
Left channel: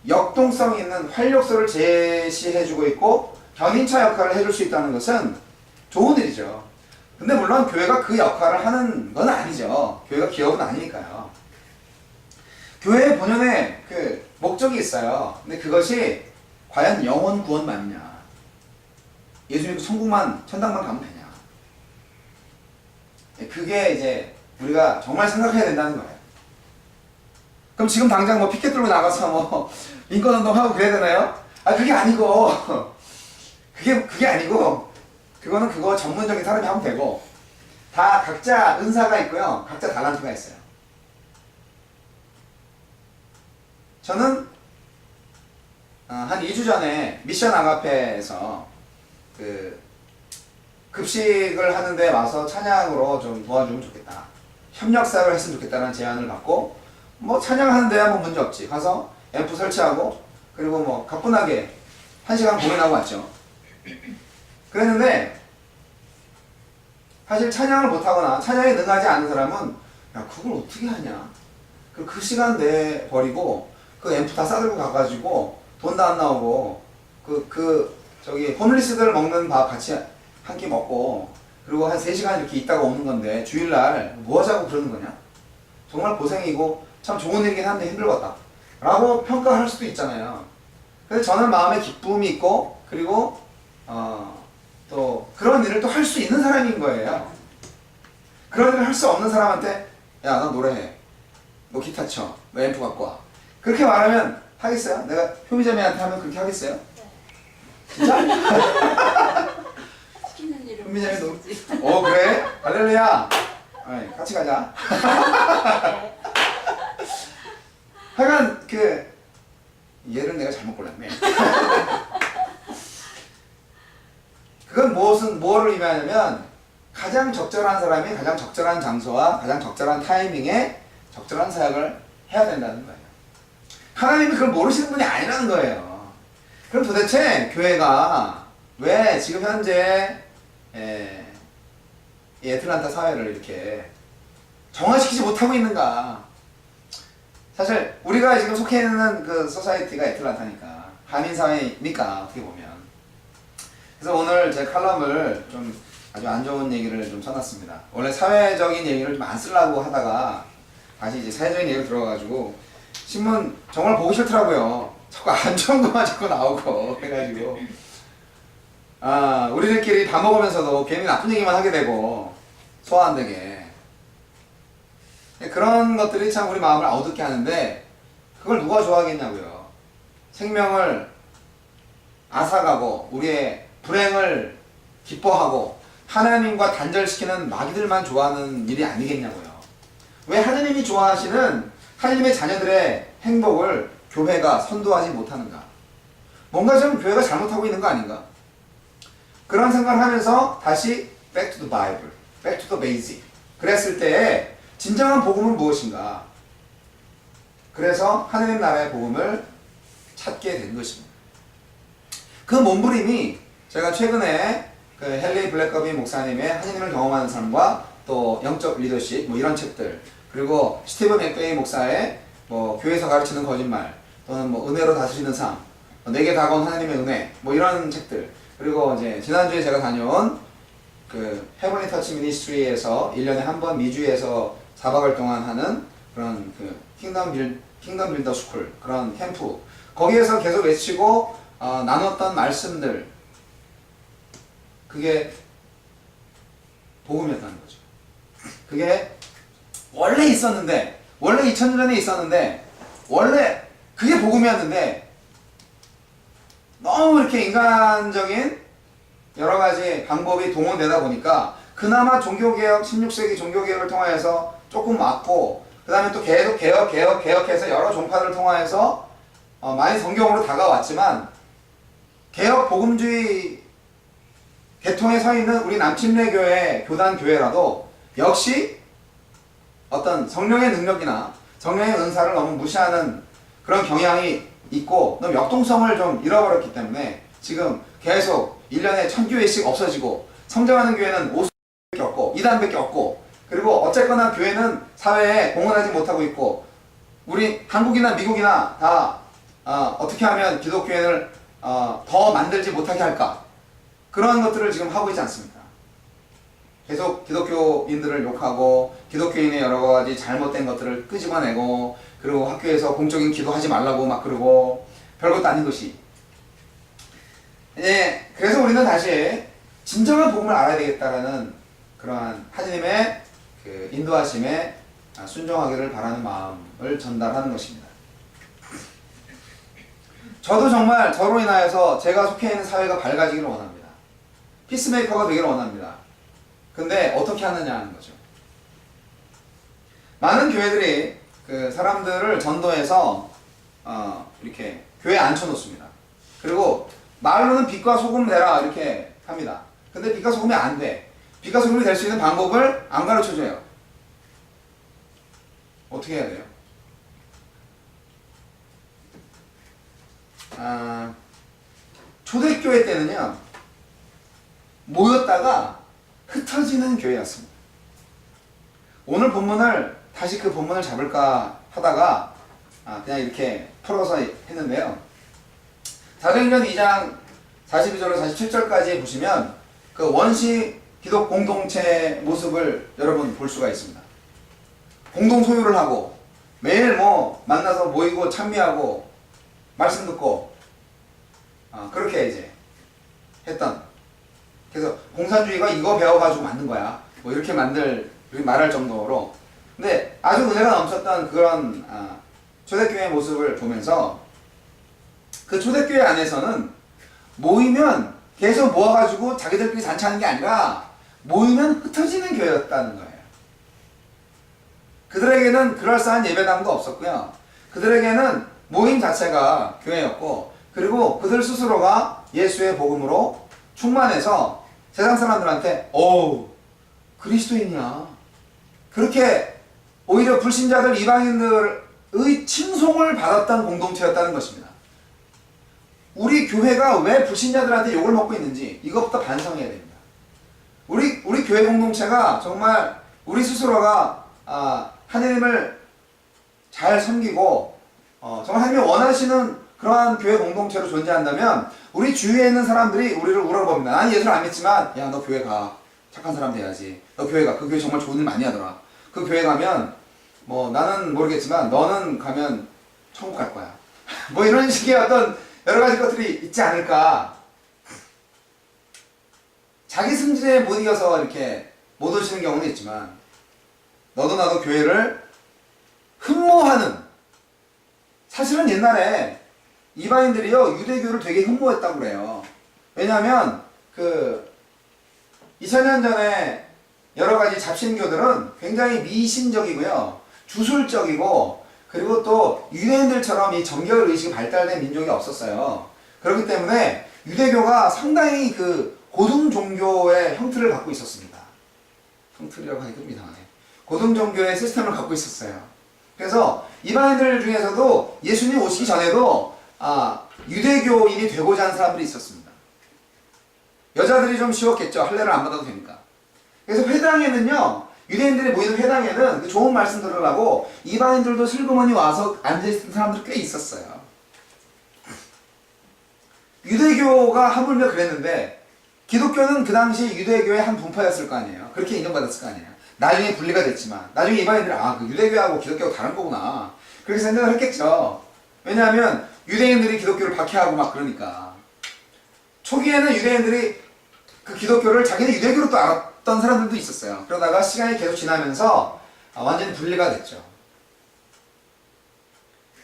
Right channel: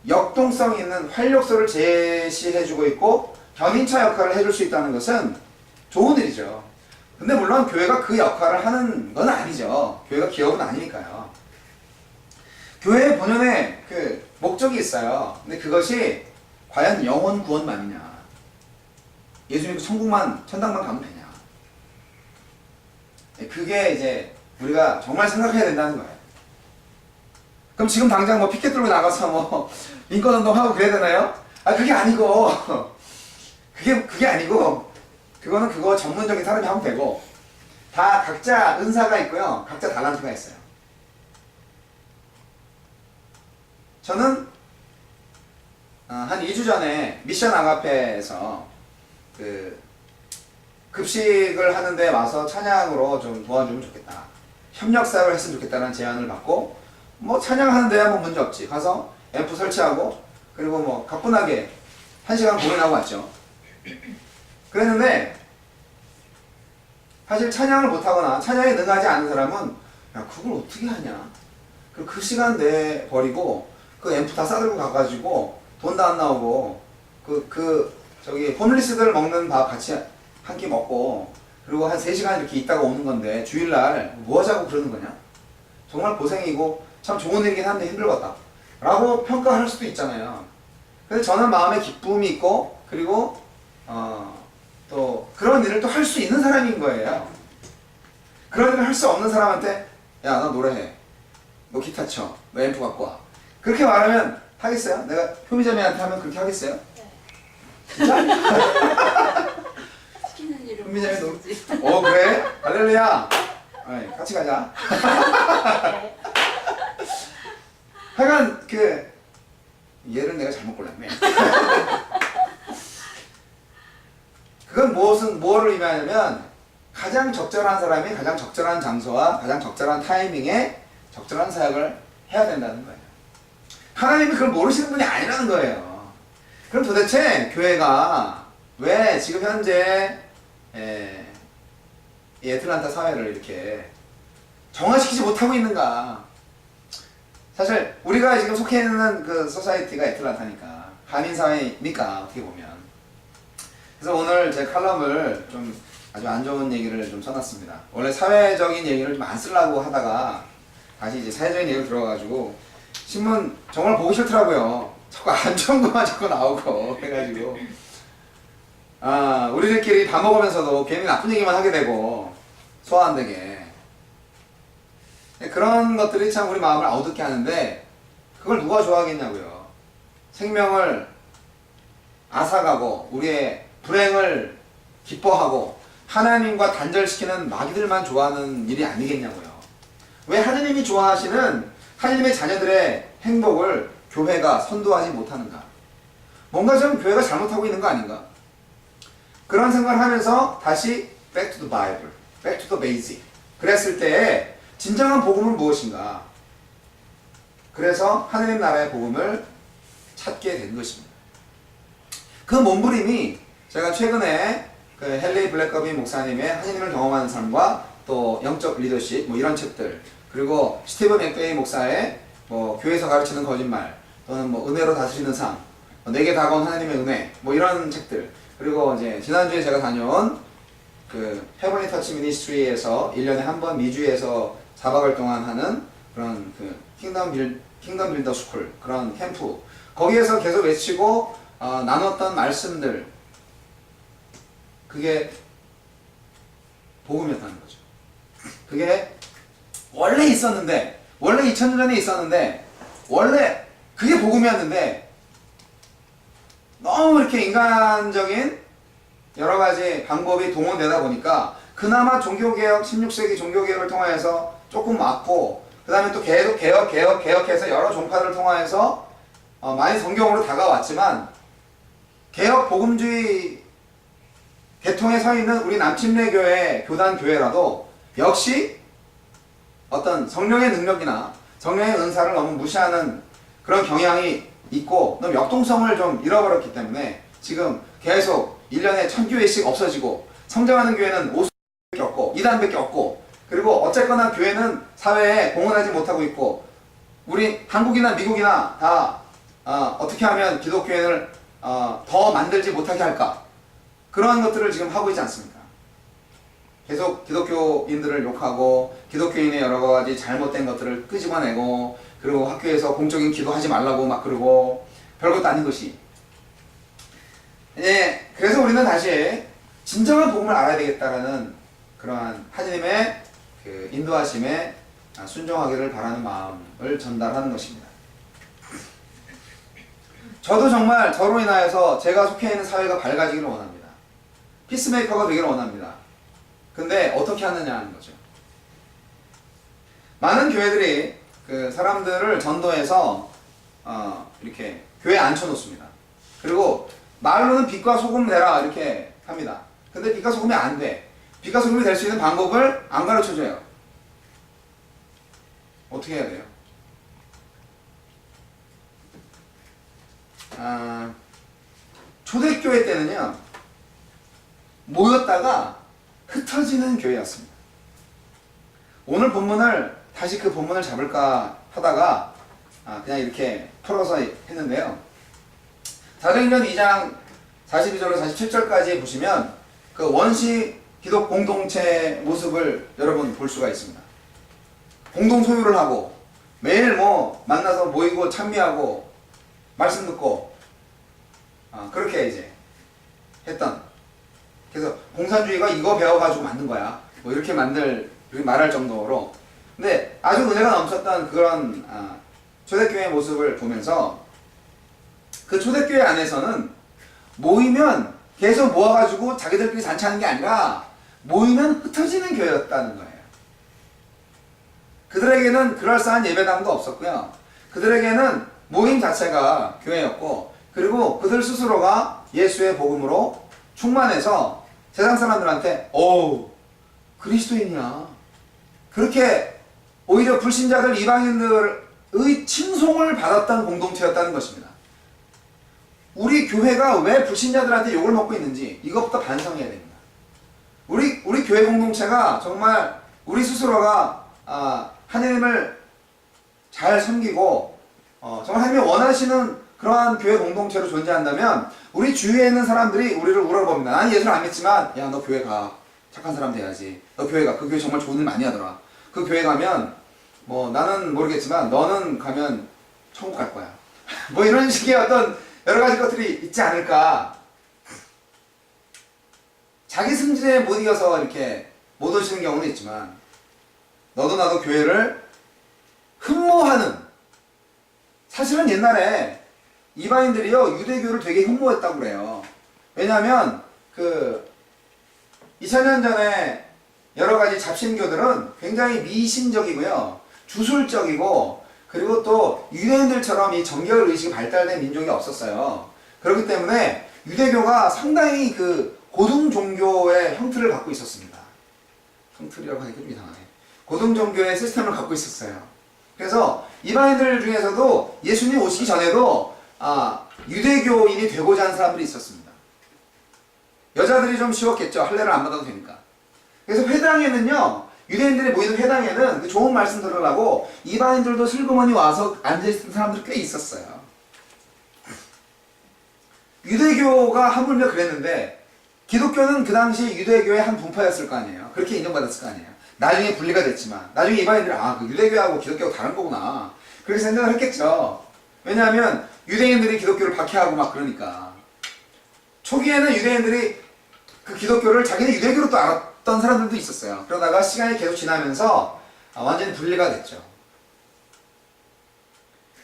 역동성 있는 활력소를 제시해주고 있고 견인차 역할을 해줄 수 있다는 것은 좋은 일이죠. 근데 물론 교회가 그 역할을 하는 건 아니죠. 교회가 기업은 아니니까요. 교회의 본연의 그 목적이 있어요. 근데 그것이 과연 영혼 구원만이냐, 예수 믿고 천국만, 천당만 가면 되냐, 그게 이제 우리가 정말 생각해야 된다는 거예요. 그럼 지금 당장 뭐 피켓 들고 나가서 뭐 인권운동하고 그래야 되나요? 그게 아니고 그게 아니고 그거는 그거 전문적인 사람이 하면 되고, 다 각자 은사가 있고요. 각자 달란트가 있어요. 저는 한 2주 전에 미션 아가페에서 급식을 하는데 와서 찬양으로 좀 도와주면 좋겠다, 협력사역을 했으면 좋겠다는 제안을 받고, 뭐 찬양하는 데야 뭐 문제 없지. 가서 앰프 설치하고 그리고 뭐 가뿐하게 1시간 공연하고 왔죠. 그랬는데 사실 찬양을 못하거나 찬양에 능하지 않은 사람은 야, 그걸 어떻게 하냐, 그리고 그 시간 내버리고 그 앰프 다 싸들고 가가지고 돈도 안 나오고 저기 홈리스들 먹는 밥 같이 한 끼 먹고 그리고 한 3시간 이렇게 있다가 오는 건데 주일날 뭐 하자고 그러는 거냐? 정말 고생이고 참 좋은 일이긴 한데 힘들었다 라고 평가할 수도 있잖아요. 그래서 저는 마음에 기쁨이 있고 그리고 또 그런 일을 또 할 수 있는 사람인 거예요. 그런 일을 할 수 없는 사람한테 야, 너 노래해, 너 기타 쳐, 너 앰프 갖고 와, 그렇게 말하면 하겠어요? 내가 효미자매한테 하면 그렇게 하겠어요? 네. 진짜? 시키는 일은 효미자매 너 못하지. 그래? 할렐루야. 같이 가자. 네. 하여간 얘를 내가 잘못 골랐네. 그건 뭐를 의미하냐면 가장 적절한 사람이 가장 적절한 장소와 가장 적절한 타이밍에 적절한 사역을 해야 된다는 거예요. 하나님이 그걸 모르시는 분이 아니라는 거예요. 그럼 도대체 교회가 왜 지금 현재 이 애틀란타 사회를 이렇게 정화시키지 못하고 있는가? 사실 우리가 지금 속해 있는 그 소사이티가 애틀란타니까, 한인 사회니까 어떻게 보면. 그래서 오늘 제 칼럼을 좀 아주 안 좋은 얘기를 좀 써놨습니다. 원래 사회적인 얘기를 좀 안 쓰려고 하다가 다시 이제 사회적인 얘기를 들어가지고 신문 정말 보기 싫더라고요. 자꾸 안 좋은 것만 자꾸 나오고 해가지고 우리들끼리 밥 먹으면서도 괜히 나쁜 얘기만 하게 되고 소화 안 되게. 그런 것들이 참 우리 마음을 어둡게 하는데 그걸 누가 좋아하겠냐고요. 생명을 앗아가고 우리의 불행을 기뻐하고 하나님과 단절시키는 마귀들만 좋아하는 일이 아니겠냐고요. 왜 하나님이 좋아하시는 하나님의 자녀들의 행복을 교회가 선도하지 못하는가? 뭔가 좀 교회가 잘못하고 있는 거 아닌가? 그런 생각을 하면서 다시 back to the Bible, back to the basic. 그랬을 때에 진정한 복음은 무엇인가? 그래서 하나님 나라의 복음을 찾게 된 것입니다. 그 몸부림이 제가 최근에 그 헨리 블랙거비 목사님의 하나님을 경험하는 삶과 또 영적 리더십 뭐 이런 책들, 그리고 스티븐 맥베이 목사의 뭐 교회에서 가르치는 거짓말 또는 뭐 은혜로 다스리는 삶, 내게 다가온 하나님의 은혜 뭐 이런 책들, 그리고 이제 지난주에 제가 다녀온 그 헤븐리 터치 미니스트리에서 1년에 한 번 미주에서 4박을 동안 하는 그런 그 킹덤 빌더 스쿨 그런 캠프, 거기에서 계속 외치고 나눴던 말씀들, 그게 복음이었다는 거죠. 그게 원래 있었는데, 원래 2000년 전에 있었는데, 원래 그게 복음이었는데 너무 이렇게 인간적인 여러 가지 방법이 동원되다 보니까 그나마 종교개혁, 16세기 종교개혁을 통하여서 조금 막고, 그 다음에 또 계속 개혁해서 여러 종파들을 통하여서 많이 성경으로 다가왔지만, 개혁 복음주의 계통에 서 있는 우리 남침례교회 교단교회라도 역시 어떤 성령의 능력이나 성령의 은사를 너무 무시하는 그런 경향이 있고 너무 역동성을 좀 잃어버렸기 때문에 지금 계속 1년에 1000교회씩 없어지고, 성장하는 교회는 50밖에 없고 2단밖에 없고, 그리고 어쨌거나 교회는 사회에 공헌하지 못하고 있고, 우리 한국이나 미국이나 다 어떻게 하면 기독교회를 더 만들지 못하게 할까, 그런 것들을 지금 하고 있지 않습니까? 계속 기독교인들을 욕하고 기독교인의 여러 가지 잘못된 것들을 끄집어내고, 그리고 학교에서 공적인 기도하지 말라고 막 그러고, 별것도 아닌 것이. 그래서 우리는 다시 진정한 복음을 알아야 되겠다라는 그러한 하나님의 그 인도하심에 순종하기를 바라는 마음을 전달하는 것입니다. 저도 정말 저로 인하여서 제가 속해 있는 사회가 밝아지기를 원합니다. 피스메이커가 되기를 원합니다. 근데 어떻게 하느냐 하는 거죠. 많은 교회들이 그 사람들을 전도해서 이렇게 교회에 앉혀놓습니다. 그리고 말로는 빛과 소금 내라 이렇게 합니다. 근데 빛과 소금이 안 돼. 빛과 소금이 될 수 있는 방법을 안 가르쳐줘요. 어떻게 해야 돼요? 초대교회 때는요, 모였다가 흩어지는 교회였습니다. 오늘 본문을 다시 그 본문을 잡을까 하다가 그냥 이렇게 풀어서 했는데요. 사도행전 2장 42절로 47절까지 보시면 그 원시 기독 공동체 모습을 여러분 볼 수가 있습니다. 공동 소유를 하고 매일 뭐 만나서 모이고 찬미하고 말씀 듣고 그렇게 이제 했던, 그래서 공산주의가 이거 배워가지고 만든 거야 뭐 이렇게 말할 정도로, 근데 아주 은혜가 넘쳤던 그런 초대교회의 모습을 보면서 그 초대교회 안에서는 모이면 계속 모아가지고 자기들끼리 잔치하는 게 아니라 모이면 흩어지는 교회였다는 거예요. 그들에게는 그럴싸한 예배당도 없었고요. 그들에게는 모임 자체가 교회였고, 그리고 그들 스스로가 예수의 복음으로 충만해서 세상 사람들한테 어우 그리스도인이야, 그렇게 오히려 불신자들 이방인들의 칭송을 받았던 공동체였다는 것입니다. 우리 교회가 왜 불신자들한테 욕을 먹고 있는지 이것부터 반성해야 됩니다. 우리 교회 공동체가 정말 우리 스스로가 하나님을 잘 섬기고 정말 하나님이 원하시는 그러한 교회 공동체로 존재한다면 우리 주위에 있는 사람들이 우리를 우러봅니다. 나는 예수를 안 믿지만 야 너 교회 가, 착한 사람 돼야지. 너 교회 가, 그 교회 정말 좋은 일 많이 하더라. 그 교회 가면 뭐 나는 모르겠지만 너는 가면 천국 갈 거야. 뭐 이런 식의 어떤 여러 가지 것들이 있지 않을까. 자기 승진에 못 이겨서 이렇게 못 오시는 경우는 있지만 너도 나도 교회를 흠모하는, 사실은 옛날에 이방인들이요 유대교를 되게 흠모했다고 그래요. 왜냐하면 그 2000년 전에 여러 가지 잡신교들은 굉장히 미신적이고요, 주술적이고, 그리고 또 유대인들처럼 이 정결 의식이 발달된 민족이 없었어요. 그렇기 때문에 유대교가 상당히 그 고등 종교의 형태를 갖고 있었습니다. 형틀이라고 하니까 좀 이상하네. 고등 종교의 시스템을 갖고 있었어요. 그래서 이방인들 중에서도 예수님 오시기 전에도 유대교인이 되고자 하는 사람들이 있었습니다. 여자들이 좀 쉬웠겠죠. 할례를 안 받아도 되니까. 그래서 회당에는요, 유대인들이 모이는 회당에는 그 좋은 말씀 들으려고 이방인들도 슬그머니 와서 앉아있는 사람들이 꽤 있었어요. 유대교가 하물며 그랬는데 기독교는 그 당시 유대교의 한 분파였을 거 아니에요. 그렇게 인정받았을 거 아니에요. 나중에 분리가 됐지만 나중에 이방인들이 그 유대교하고 기독교가 다른 거구나 그렇게 생각을 했겠죠. 왜냐하면 유대인들이 기독교를 박해하고 막 그러니까. 초기에는 유대인들이 그 기독교를 자기네 유대교로 또 알았던 사람들도 있었어요. 그러다가 시간이 계속 지나면서 완전히 분리가 됐죠.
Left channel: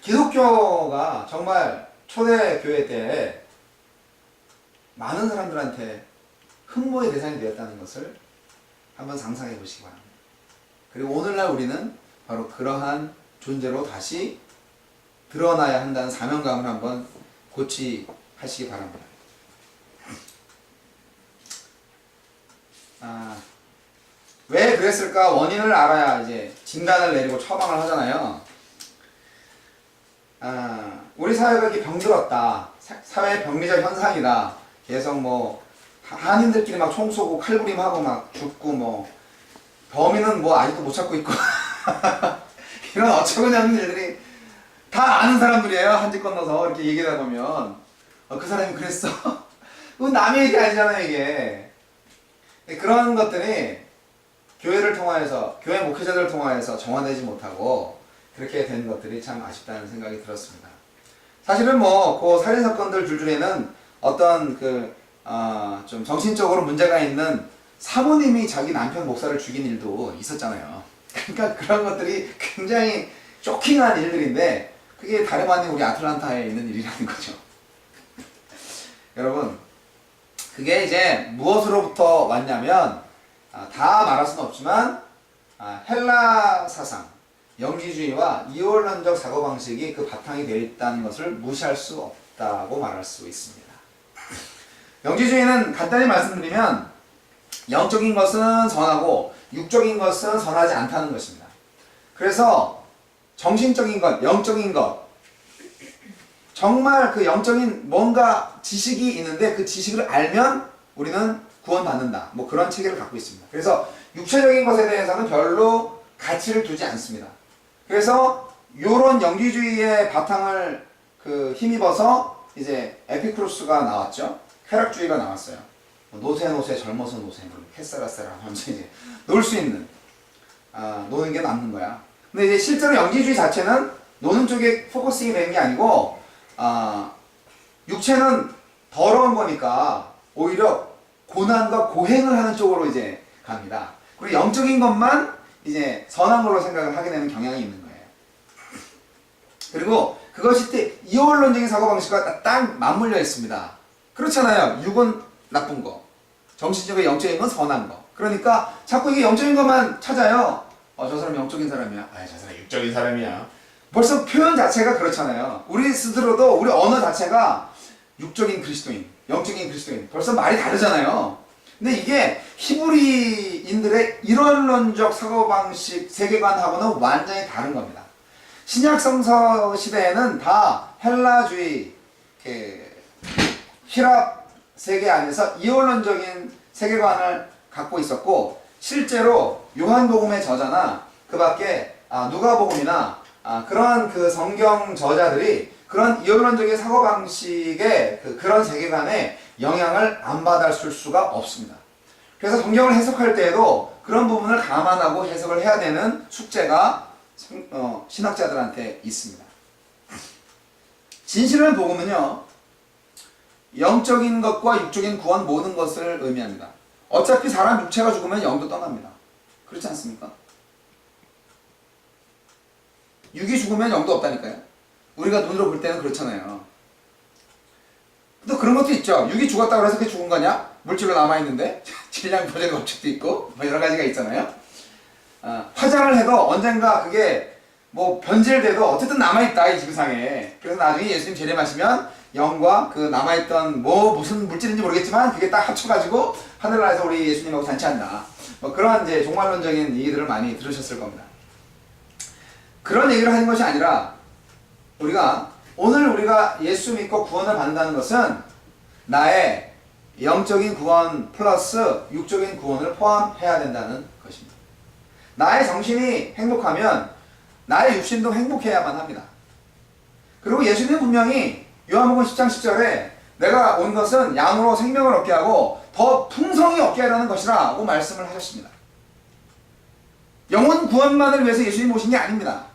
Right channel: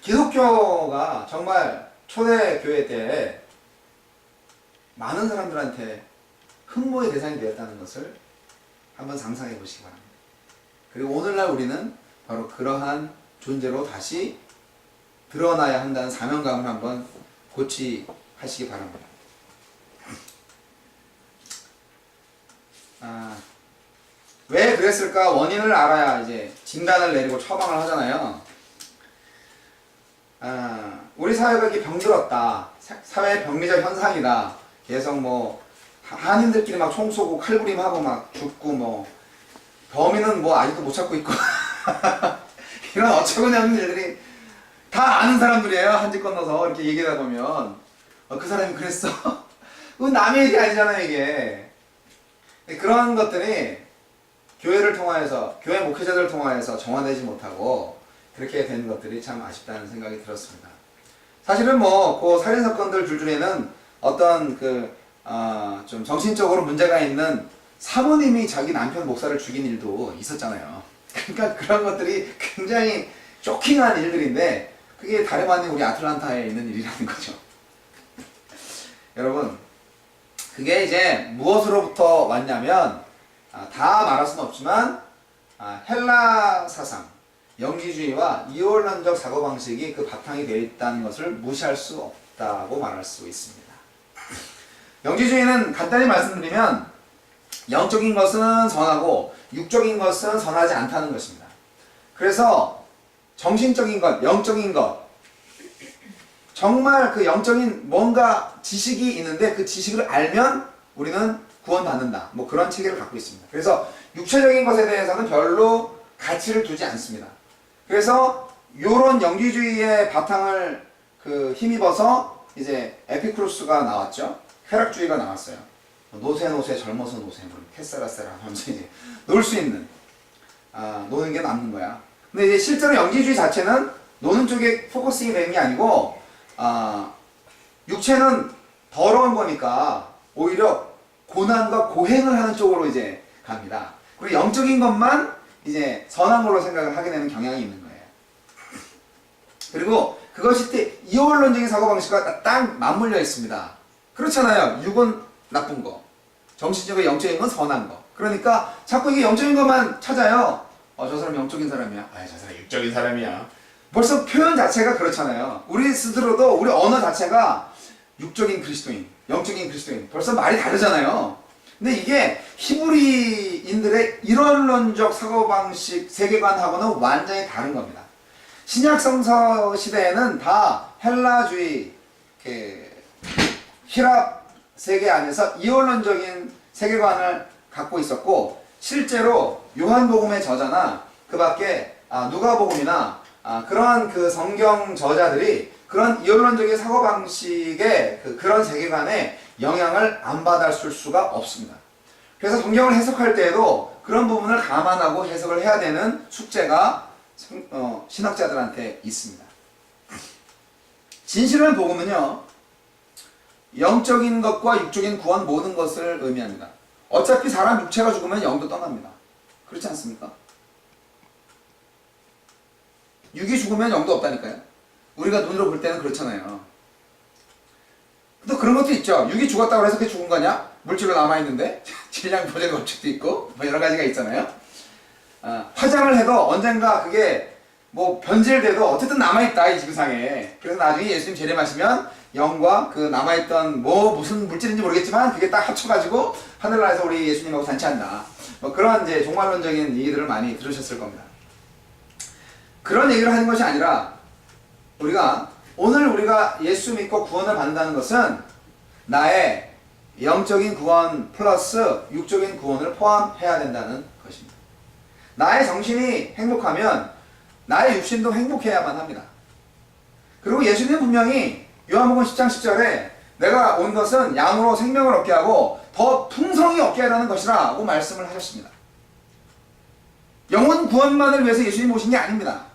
기독교가 정말 초대교회 때 많은 사람들한테 흠모의 대상이 되었다는 것을 한번 상상해 보시기 바랍니다. 그리고 오늘날 우리는 바로 그러한 존재로 다시 드러나야 한다는 사명감을 한번 고취하시기 바랍니다. 왜 그랬을까 원인을 알아야 이제 진단을 내리고 처방을 하잖아요. 우리 사회가 이렇게 병들었다, 사회 병리적 현상이다, 계속 뭐 한인들끼리 막 총 쏘고 칼부림하고 막 죽고 뭐 범인은 뭐 아직도 못 찾고 있고 이런 어처구니없는 일들이 다 아는 사람들이에요. 한 집 건너서 이렇게 얘기하다 보면 그 사람이 그랬어. 그건 남의 얘기 아니잖아요 이게. 그런 것들이 교회를 통하여서, 교회 목회자들을 통하여서 정화되지 못하고 그렇게 된 것들이 참 아쉽다는 생각이 들었습니다. 사실은 뭐 그 살인사건들 줄줄이는 어떤 좀 정신적으로 문제가 있는 사모님이 자기 남편 목사를 죽인 일도 있었잖아요. 그러니까 그런 것들이 굉장히 쇼킹한 일들인데 그게 다름 아닌 우리 아틀란타에 있는 일이라는 거죠. 여러분, 그게 이제 무엇으로부터 왔냐면 다 말할 수는 없지만 헬라 사상, 영지주의와 이원론적 사고방식이 그 바탕이 되어 있다는 것을 무시할 수 없다고 말할 수 있습니다. 영지주의는 간단히 말씀드리면 영적인 것은 선하고 육적인 것은 선하지 않다는 것입니다. 그래서 정신적인 것, 영적인 것, 정말 그 영적인 뭔가 지식이 있는데 그 지식을 알면 우리는 구원받는다, 뭐 그런 체계를 갖고 있습니다. 그래서 육체적인 것에 대해서는 별로 가치를 두지 않습니다. 그래서 요런 영지주의의 바탕을 힘입어서 이제 에피쿠로스가 나왔죠. 쾌락주의가 나왔어요. 노세 젊어서 노세 캐사라세라 하면서 이제 놀 수 있는, 노는 게 남는 거야. 근데 이제 실제로 영지주의 자체는 노는 쪽에 포커싱이 되는 게 아니고 육체는 더러운 거니까 오히려 고난과 고행을 하는 쪽으로 이제 갑니다. 그리고 영적인 것만 이제 선한 걸로 생각을 하게 되는 경향이 있는 거예요. 그리고 그것이 이원론적인 사고방식과 딱 맞물려 있습니다. 그렇잖아요. 육은 나쁜 거, 정신적인 영적인 건 선한 거. 그러니까 자꾸 이게 영적인 것만 찾아요. 저 사람 영적인 사람이야. 저 사람 육적인 사람이야. 벌써 표현 자체가 그렇잖아요. 우리 스스로도 우리 언어 자체가 육적인 그리스도인, 영적인 그리스도인, 벌써 말이 다르잖아요. 근데 이게 히브리인들의 이론론적 사고방식, 세계관하고는 완전히 다른 겁니다. 신약성서 시대에는 다 헬라주의, 히랍 세계 안에서 이원론적인 세계관을 갖고 있었고, 실제로 요한복음의 저자나 그 밖에 누가복음이나 그러한 그 성경 저자들이 그런 이원론적인 사고방식의 그런 세계관에 영향을 안 받았을 수가 없습니다. 그래서 성경을 해석할 때에도 그런 부분을 감안하고 해석을 해야 되는 숙제가 신학자들한테 있습니다. 진실한 복음은요, 영적인 것과 육적인 구원 모든 것을 의미합니다. 어차피 사람 육체가 죽으면 영도 떠납니다. 그렇지 않습니까? 육이 죽으면 영도 없다니까요. 우리가 눈으로 볼 때는 그렇잖아요. 또 그런 것도 있죠. 육이 죽었다고 해서 그게 죽은 거냐? 물질로 남아있는데 질량 보존 법칙도 있고 뭐 여러 가지가 있잖아요. 화장을 해도 언젠가 그게 뭐 변질돼도 어쨌든 남아있다 이 지구상에. 그래서 나중에 예수님 재림하시면 영과 그 남아있던 뭐 무슨 물질인지 모르겠지만 그게 딱 합쳐가지고 하늘나라에서 우리 예수님하고 잔치한다. 뭐 그런 이제 종말론적인 얘기들을 많이 들으셨을 겁니다. 그런 얘기를 하는 것이 아니라 오늘 우리가 예수 믿고 구원을 받는다는 것은 나의 영적인 구원 플러스 육적인 구원을 포함해야 된다는 것입니다. 나의 정신이 행복하면 나의 육신도 행복해야만 합니다. 그리고 예수님은 분명히 요한복음 10장 10절에 내가 온 것은 양으로 생명을 얻게 하고 더 풍성히 얻게 하라는 것이라고 말씀을 하셨습니다. 영혼 구원만을 위해서 예수님이 오신 게 아닙니다.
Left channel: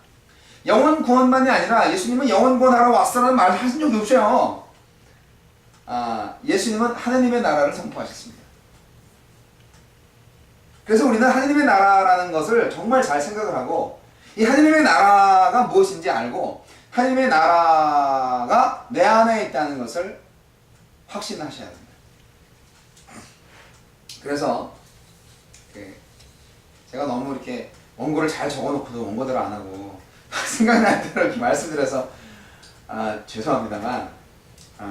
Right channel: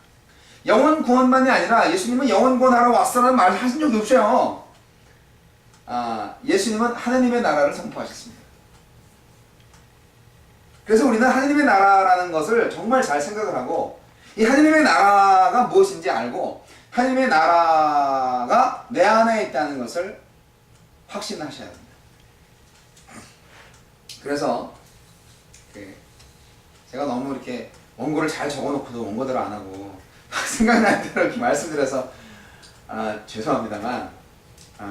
영혼 구원만이 아니라 예수님은 영혼 구원하러 왔어라는 말을 하신 적이 없어요. 예수님은 하느님의 나라를 선포하셨습니다. 그래서 우리는 하느님의 나라라는 것을 정말 잘 생각을 하고 이 하느님의 나라가 무엇인지 알고 하느님의 나라가 내 안에 있다는 것을 확신하셔야 됩니다. 그래서 제가 너무 이렇게 원고를 잘 적어놓고도 원고대로 안 하고 생각나는 대로 이렇게 말씀드려서 죄송합니다만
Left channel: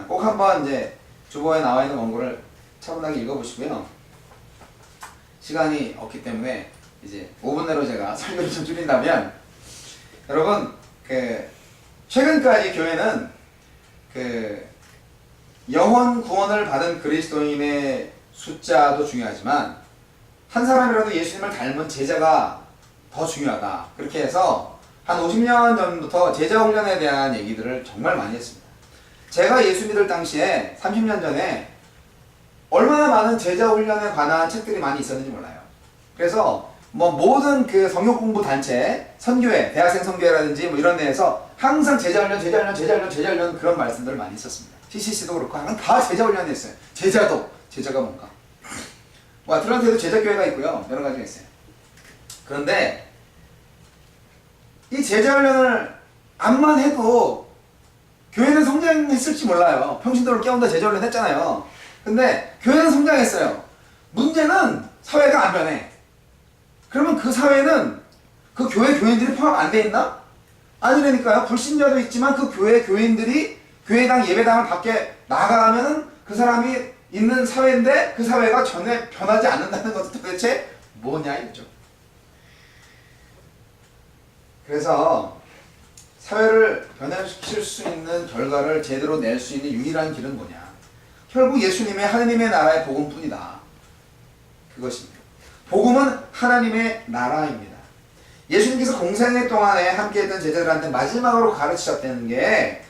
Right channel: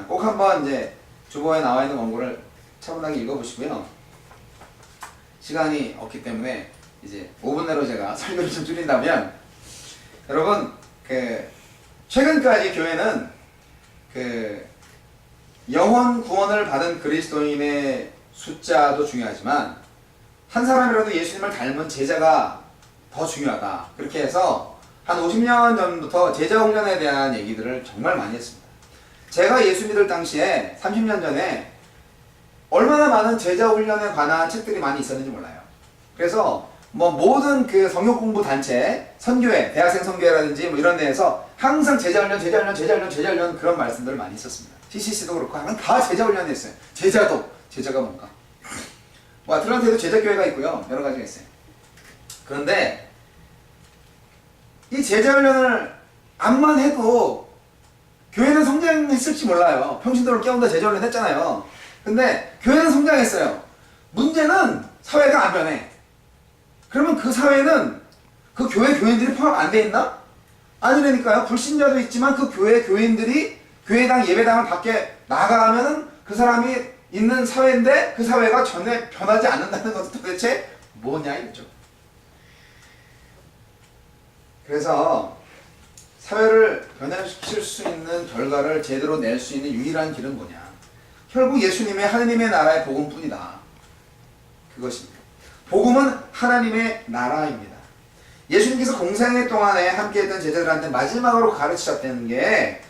꼭 한번 이제 주보에 나와 있는 원고를 차분하게 읽어보시고요. 시간이 없기 때문에 이제 5분 내로 제가 설교를 좀 줄인다면 여러분 최근까지 교회는 영혼 구원을 받은 그리스도인의 숫자도 중요하지만 한 사람이라도 예수님을 닮은 제자가 더 중요하다. 그렇게 해서 한 50년 전부터 제자 훈련에 대한 얘기들을 정말 많이 했습니다. 제가 예수 믿을 당시에 30년 전에 얼마나 많은 제자 훈련에 관한 책들이 많이 있었는지 몰라요. 그래서 뭐 모든 그 성역 공부 단체, 선교회, 대학생 선교회라든지 뭐 이런 데에서 항상 제자 훈련 그런 말씀들을 많이 있었습니다. CCC도 그렇고 항상 다 제자 훈련이 했어요. 제자가 뭔가. 뭐 아틀란타에도 제자교회가 있고요. 여러 가지가 있어요. 그런데 이 제자 훈련을 암만 해도 교회는 성장했을지 몰라요. 평신도를 깨운다 제자 훈련 했잖아요. 근데 교회는 성장했어요. 문제는 사회가 안 변해. 그러면 그 사회는 그 교회 교인들이 포함 안 돼 있나? 아니라니까요. 불신자도 있지만 그 교회 교인들이 교회당 예배당을 밖에 나가면은 그 사람이 있는 사회인데 그 사회가 전혀 변하지 않는다는 것은 도대체 뭐냐 이거죠. 그래서 사회를 변화시킬 수 있는 결과를 제대로 낼 수 있는 유일한 길은 뭐냐? 결국 예수님의 하느님의 나라의 복음뿐이다. 그것입니다. 복음은 하나님의 나라입니다. 예수님께서 공생애 동안에 함께했던 제자들한테 마지막으로 가르치셨다는 게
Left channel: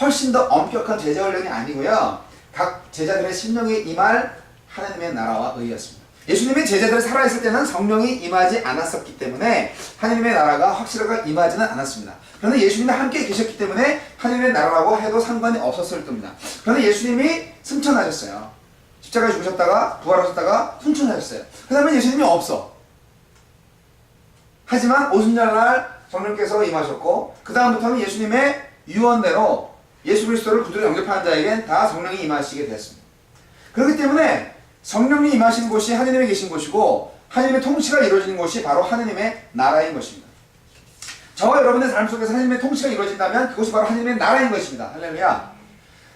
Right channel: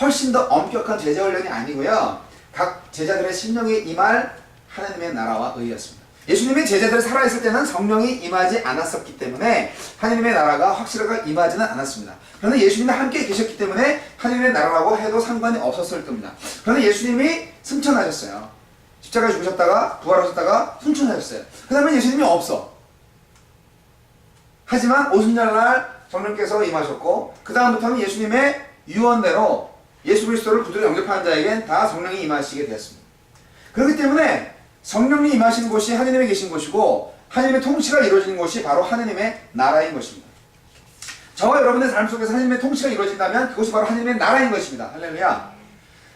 훨씬 더 엄격한 제자 훈련이 아니고요. 각 제자들의 심령에 임할 하나님의 나라와 의였습니다. 예수님의 제자들이 살아있을 때는 성령이 임하지 않았었기 때문에 하나님의 나라가 확실하게 임하지는 않았습니다. 그런데 예수님이 함께 계셨기 때문에 하나님의 나라라고 해도 상관이 없었을 겁니다. 그런데 예수님이 승천하셨어요. 십자가에 죽으셨다가 부활하셨다가 승천하셨어요. 그 다음에 예수님이 없어. 하지만 오순절날 성령께서 임하셨고 그 다음부터는 예수님의 유언대로 예수 그리스도를 구주로 영접하는 자에겐 다 성령이 임하시게 되었습니다. 그렇기 때문에 성령이 임하시는 곳이 하느님에 계신 곳이고 하느님의 통치가 이루어지는 곳이 바로 하느님의 나라인 것입니다. 저와 여러분의 삶 속에서 하느님의 통치가 이루어진다면 그것이 바로 하느님의 나라인 것입니다. 할렐루야.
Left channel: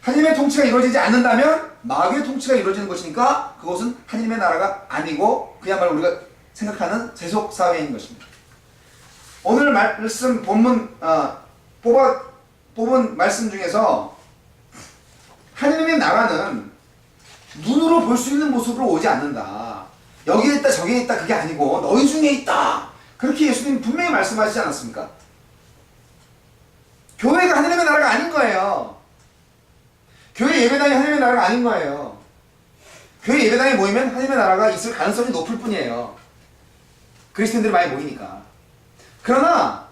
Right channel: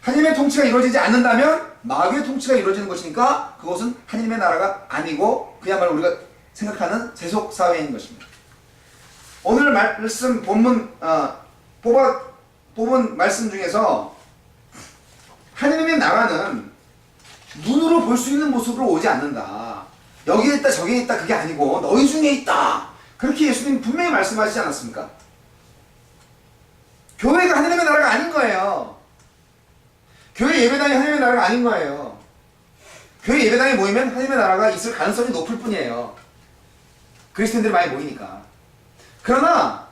하느님의 통치가 이루어지지 않는다면 마귀의 통치가 이루어지는 것이니까 그것은 하느님의 나라가 아니고 그야말로 우리가 생각하는 세속사회인 것입니다. 오늘 말씀 본문 뽑은 말씀 중에서 하느님의 나라는 눈으로 볼 수 있는 모습으로 오지 않는다. 여기에 있다 저기에 있다 그게 아니고 너희 중에 있다. 그렇게 예수님 분명히 말씀하시지 않았습니까? 교회가 하느님의 나라가 아닌 거예요. 교회 예배당이 하느님의 나라가 아닌 거예요. 교회 예배당에 모이면 하느님의 나라가 있을 가능성이 높을 뿐이에요. 그리스도인들이 많이 모이니까. 그러나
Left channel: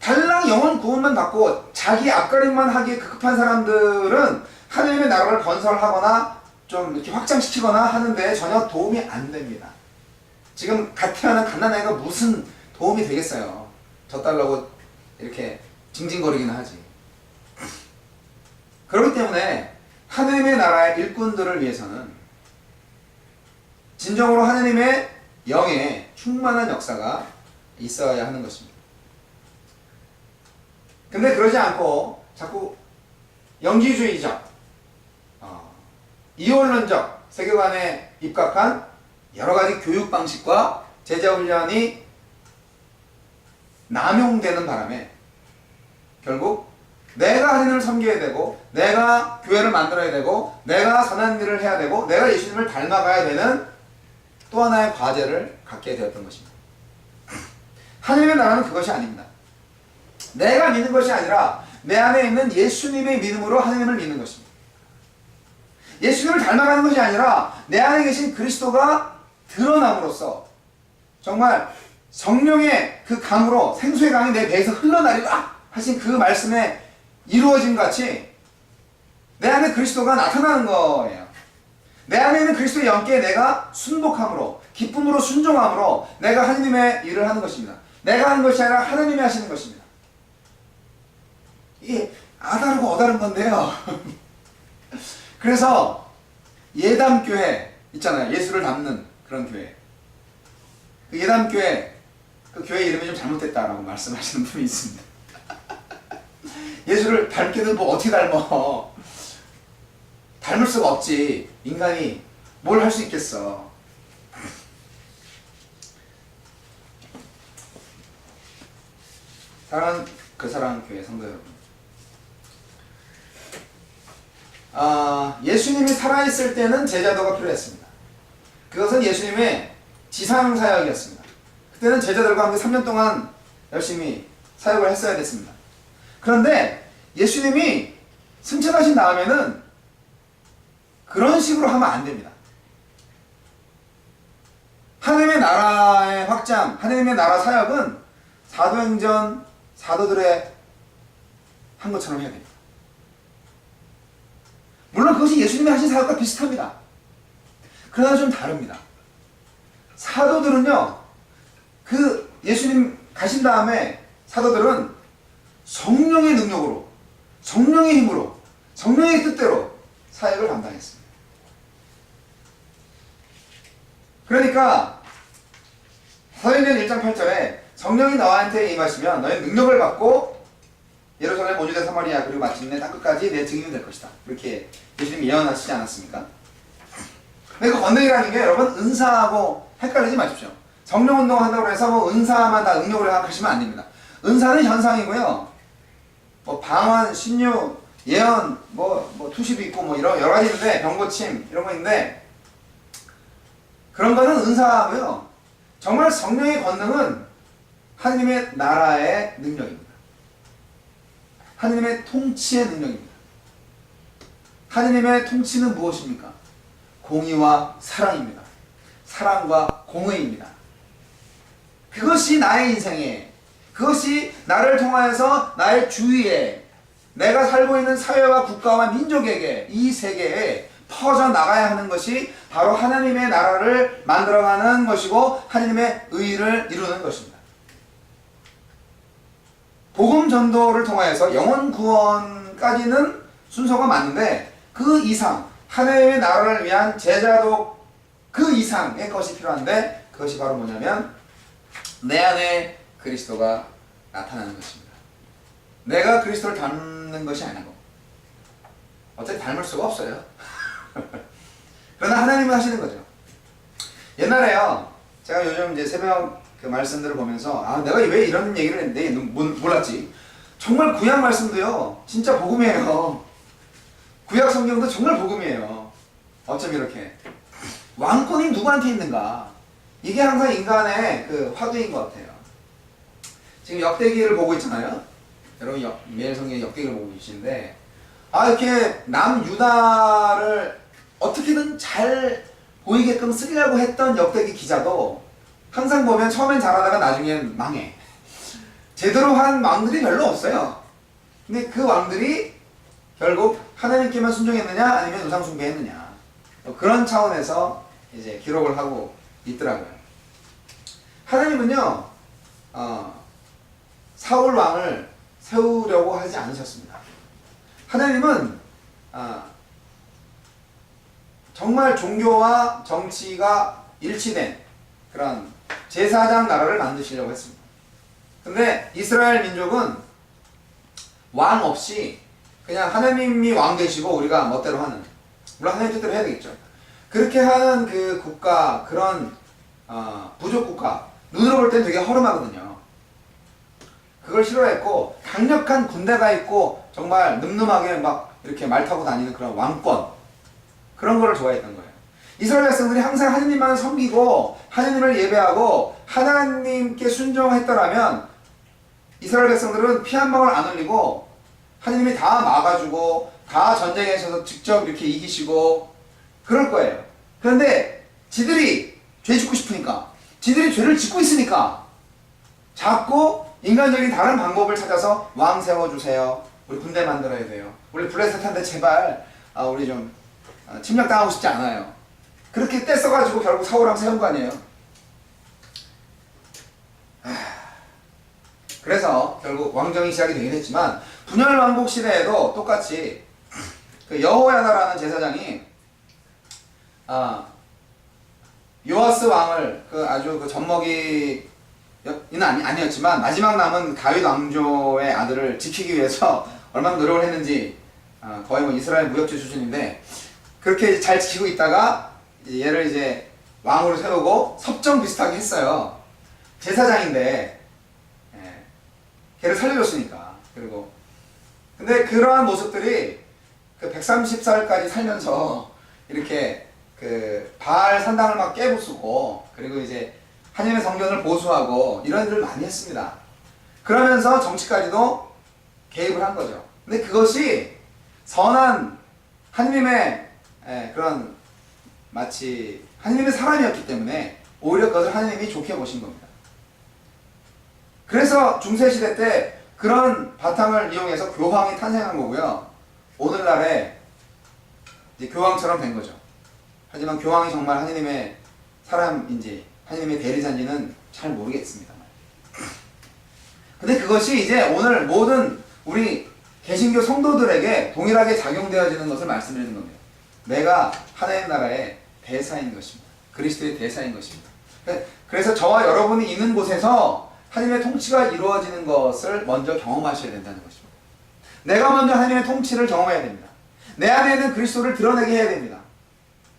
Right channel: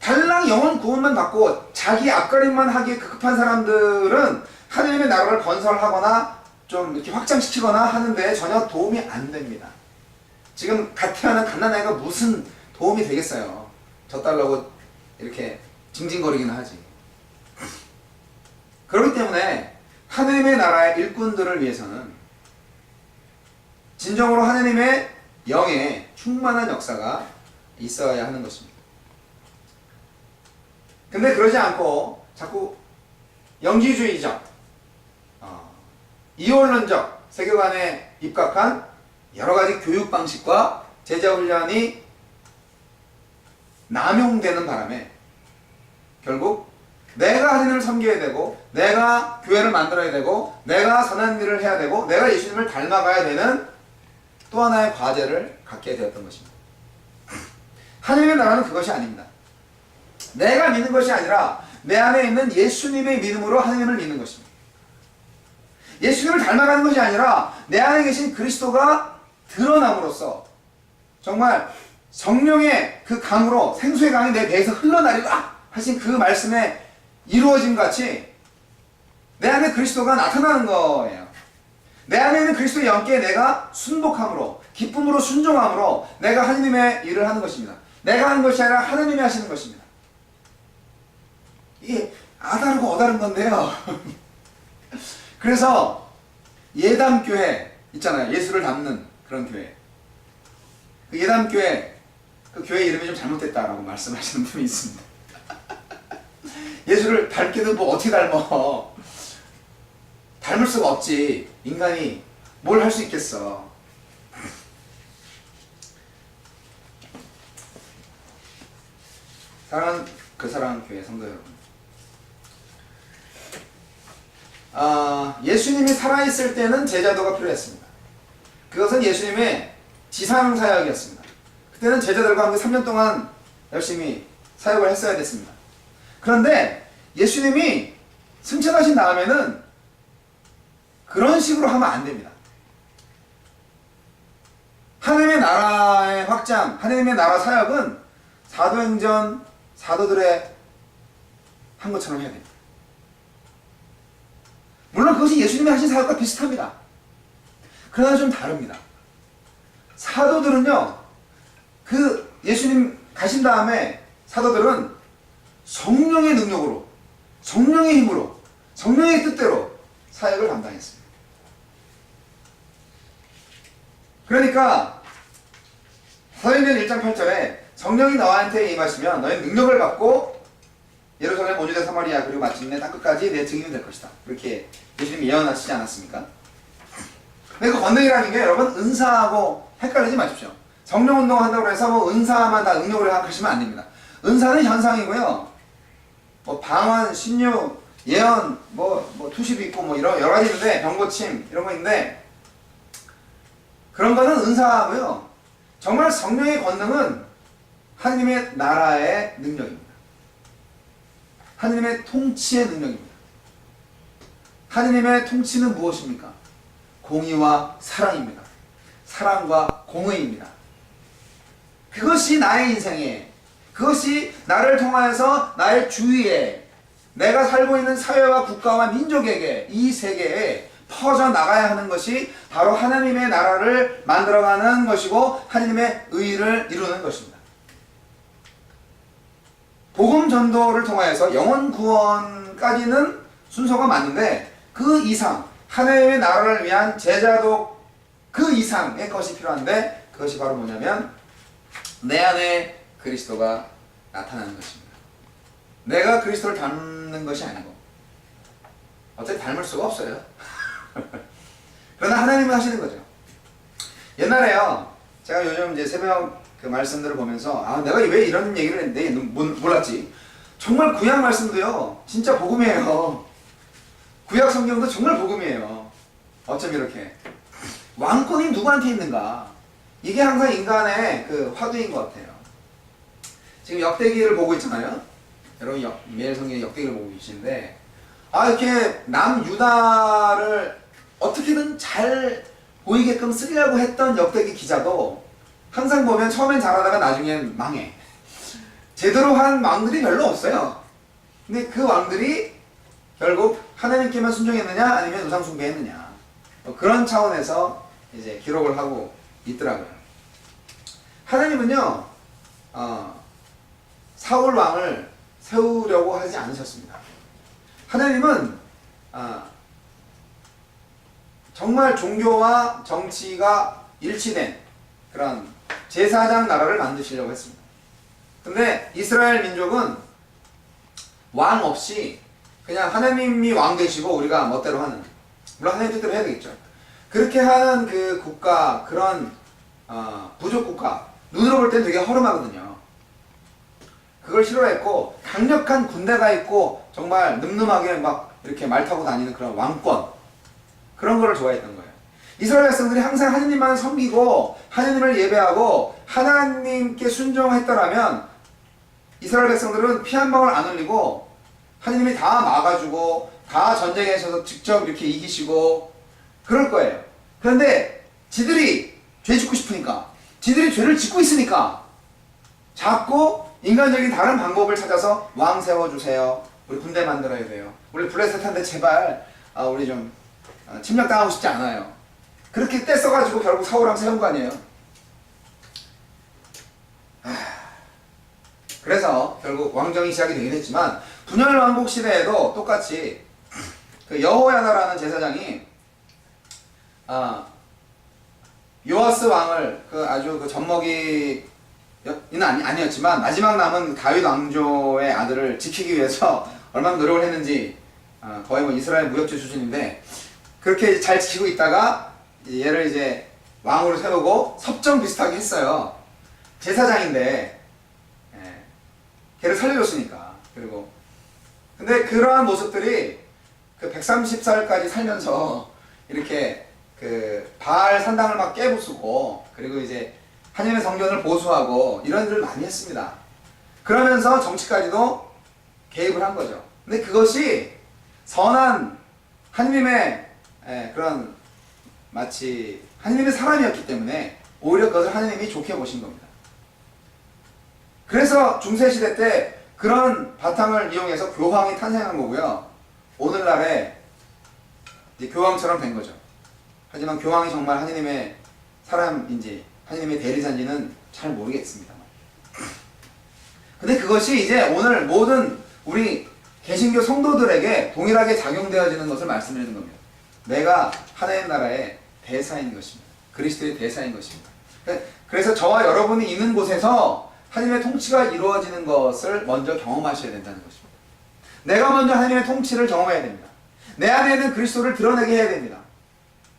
달랑 영혼 구원만 받고 자기 앞가림만 하기에 급급한 사람들은 하느님의 나라를 건설하거나 좀 이렇게 확장시키거나 하는데 전혀 도움이 안 됩니다. 지금 갓 태어난 갓난아이가 무슨 도움이 되겠어요. 저 딸라고 이렇게 징징거리긴 하지. 그렇기 때문에 하느님의 나라의 일꾼들을 위해서는 진정으로 하느님의 영의 충만한 역사가 있어야 하는 것입니다. 근데 그러지 않고 자꾸 영지주의적, 이원론적 세계관에 입각한 여러 가지 교육 방식과 제자 훈련이 남용되는 바람에 결국 내가 하나님을 섬겨야 되고, 내가 교회를 만들어야 되고, 내가 선한 일을 해야 되고, 내가 예수님을 닮아가야 되는 또 하나의 과제를 갖게 되었던 것입니다. 하나님의 나라는 그것이 아닙니다. 내가 믿는 것이 아니라 내 안에 있는 예수님의 믿음으로 하나님을 믿는 것입니다. 예수님을 닮아가는 것이 아니라 내 안에 계신 그리스도가 드러남으로써 정말 성령의 그 강으로 생수의 강이 내 배에서 흘러나리라 하신 그 말씀에 이루어짐 같이 내 안에 그리스도가 나타나는 거예요. 내 안에 있는 그리스도의 영께 내가 순복함으로, 기쁨으로 순종함으로 내가 하나님의 일을 하는 것입니다. 내가 하는 것이 아니라 하나님이 하시는 것입니다. 이게 아다르고 어다른 건데요. 그래서 예담교회 있잖아요. 예수를 닮는 그런 교회. 그 예담교회, 그 교회 이름이 좀 잘못됐다라고 말씀하시는 분이 있습니다. 예수를 닮게도 뭐 어떻게 닮어. 닮을 수가 없지. 인간이 뭘 할 수 있겠어. 사랑하는 그 사랑교회 성도 여러분, 예수님이 살아있을 때는 제자도가 필요했습니다. 그것은 예수님의 지상사역이었습니다. 그때는 제자들과 함께 3년 동안 열심히 사역을 했어야 됐습니다. 그런데 예수님이 승천하신 다음에는 그런 식으로 하면 안 됩니다. 하나님의 나라의 확장, 하나님의 나라 사역은 사도행전 사도들의 한 것처럼 해야 됩니다. 물론 그것이 예수님이 하신 사역과 비슷합니다. 그러나 좀 다릅니다. 사도들은요, 그 예수님 가신 다음에 사도들은 성령의 능력으로, 성령의 힘으로, 성령의 뜻대로 사역을 감당했습니다. 그러니까 사도행전 1장 8절에 성령이 너한테 임하시면 너희 능력을 받고 예루살렘, 온 유대, 사마리아 그리고 마침내 땅끝까지 내 증인이 될 것이다. 이렇게 예수님이 예언하시지 않았습니까? 근데 그 권능이라는 게 여러분 은사하고 헷갈리지 마십시오. 성령 운동 한다고 해서 뭐 은사만 다 능력으로 생각하시면 안 됩니다. 은사는 현상이고요. 뭐 방언, 신유, 예언, 뭐 투시도 있고 뭐 이런 여러 가지 있는데, 병고침 이런 거 있는데, 그런 거는 은사고요. 정말 성령의 권능은 하나님의 나라의 능력입니다. 하나님의 통치의 능력입니다. 하나님의 통치는 무엇입니까? 공의와 사랑입니다. 사랑과 공의입니다. 그것이 나의 인생에, 그것이 나를 통하여서 나의 주위에, 내가 살고 있는 사회와 국가와 민족에게, 이 세계에 퍼져나가야 하는 것이 바로 하나님의 나라를 만들어가는 것이고 하나님의 의를 이루는 것입니다. 복음 전도를 통하여서 영혼 구원까지는 순서가 맞는데, 그 이상 하나님의 나라를 위한 제자도 그 이상의 것이 필요한데, 그것이 바로 뭐냐면 내 안에 그리스도가 나타나는 것입니다. 내가 그리스도를 닮는 것이 아니고, 어차피 닮을 수가 없어요. 그러나 하나님은 하시는 거죠. 옛날에요, 제가 요즘 이제 새벽 그 말씀들을 보면서 내가 왜 이런 얘기를 했는데 몰랐지. 정말 구약 말씀도요 진짜 복음이에요. 구약 성경도 정말 복음이에요. 어쩜 이렇게 왕권이 누구한테 있는가, 이게 항상 인간의 그 화두인 것 같아요. 지금 역대기를 보고 있잖아요. 여러분 매일 성경 역대기를 보고 계시는데, 이렇게 남유다를 어떻게든 잘 보이게끔 쓰려고 했던 역대기 기자도 항상 보면 처음엔 잘하다가 나중엔 망해. 제대로 한 왕들이 별로 없어요. 근데 그 왕들이 결국 하나님께만 순종했느냐 아니면 우상 숭배했느냐, 그런 차원에서 이제 기록을 하고 있더라고요. 하나님은요 사울 왕을 세우려고 하지 않으셨습니다. 하나님은 정말 종교와 정치가 일치된 그런 제사장 나라를 만드시려고 했습니다. 근데 이스라엘 민족은 왕 없이 그냥 하나님이 왕 되시고 우리가 멋대로 하는, 물론 하나님 뜻대로 해야 되겠죠. 그렇게 하는 그 국가, 그런 부족 국가, 눈으로 볼 땐 되게 허름하거든요. 그걸 싫어했고, 강력한 군대가 있고 정말 늠름하게 막 이렇게 말 타고 다니는 그런 왕권, 그런 거를 좋아했던 거예요. 이스라엘 백성들이 항상 하나님만 섬기고 하나님을 예배하고 하나님께 순종했더라면 이스라엘 백성들은 피 한 방울 안 흘리고 하나님이 다 막아주고 다 전쟁에서 직접 이렇게 이기시고 그럴 거예요. 그런데 지들이 죄 짓고 싶으니까, 지들이 죄를 짓고 있으니까 자꾸 인간적인 다른 방법을 찾아서 왕 세워주세요. 우리 군대 만들어야 돼요. 우리 블레셋한테 제발 우리 좀 침략당하고 싶지 않아요. 그렇게 떼써가지고 결국 사울왕 세운 거 아니에요. 그래서 결국 왕정이 시작이 되긴 했지만 분열 왕국 시대에도 똑같이 그 여호야다라는 제사장이 요아스 왕을 그 아주 그 젖먹이는 아니었지만 마지막 남은 다윗 왕조의 아들을 지키기 위해서 얼마나 노력을 했는지 거의 뭐 이스라엘 무협지 수준인데 그렇게 잘 지키고 있다가 얘를 이제 왕으로 세우고 섭정 비슷하게 했어요. 제사장인데 걔를 살려줬으니까. 그리고 근데 그러한 모습들이 그 130살까지 살면서 이렇게 그 바알 산당을 막 깨부수고 그리고 이제 하나님의 성전을 보수하고 이런 일을 많이 했습니다. 그러면서 정치까지도 개입을 한 거죠. 근데 그것이 선한 하나님의 그런 마치 하나님의 사람이었기 때문에 오히려 그것을 하나님이 좋게 보신 겁니다. 그래서 중세시대 때 그런 바탕을 이용해서 교황이 탄생한 거고요. 오늘날에 이제 교황처럼 된 거죠. 하지만 교황이 정말 하나님의 사람인지 하나님의 대리자인지는 잘 모르겠습니다만. 근데 그것이 이제 오늘 모든 우리 개신교 성도들에게 동일하게 작용되어지는 것을 말씀드리는 겁니다. 내가 하나님 나라의 대사인 것입니다. 그리스도의 대사인 것입니다. 그래서 저와 여러분이 있는 곳에서 하나님의 통치가 이루어지는 것을 먼저 경험하셔야 된다는 것입니다. 내가 먼저 하나님의 통치를 경험해야 됩니다. 내 안에 있는 그리스도를 드러내게 해야 됩니다.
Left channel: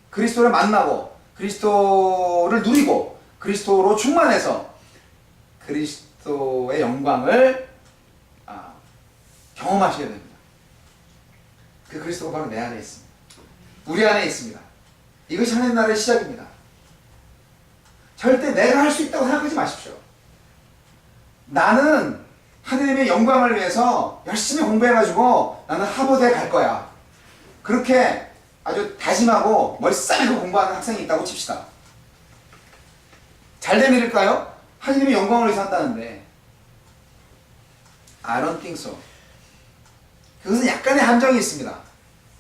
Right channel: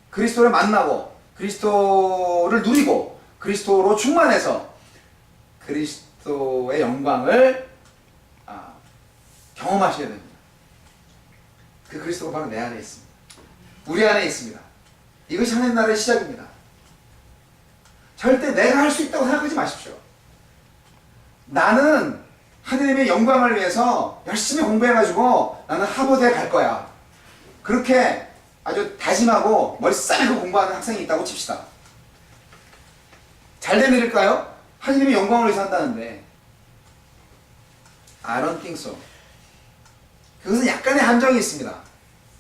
그리스도를 만나고 그리스도를 누리고 그리스도로 충만해서 그리스도의 영광을 경험하셔야 됩니다. 그 그리스도가 바로 내 안에 있습니다. 우리 안에 있습니다. 이것이 하나님 나라의 시작입니다. 절대 내가 할 수 있다고 생각하지 마십시오. 나는 하나님의 영광을 위해서 열심히 공부해가지고 나는 하버드에 갈 거야. 그렇게 아주 다짐하고 머리 싸매고 공부하는 학생이 있다고 칩시다. 잘 된 일일까요? 하나님의 영광을 위해서 한다는데 I don't think so. 그것은 약간의 한정이 있습니다.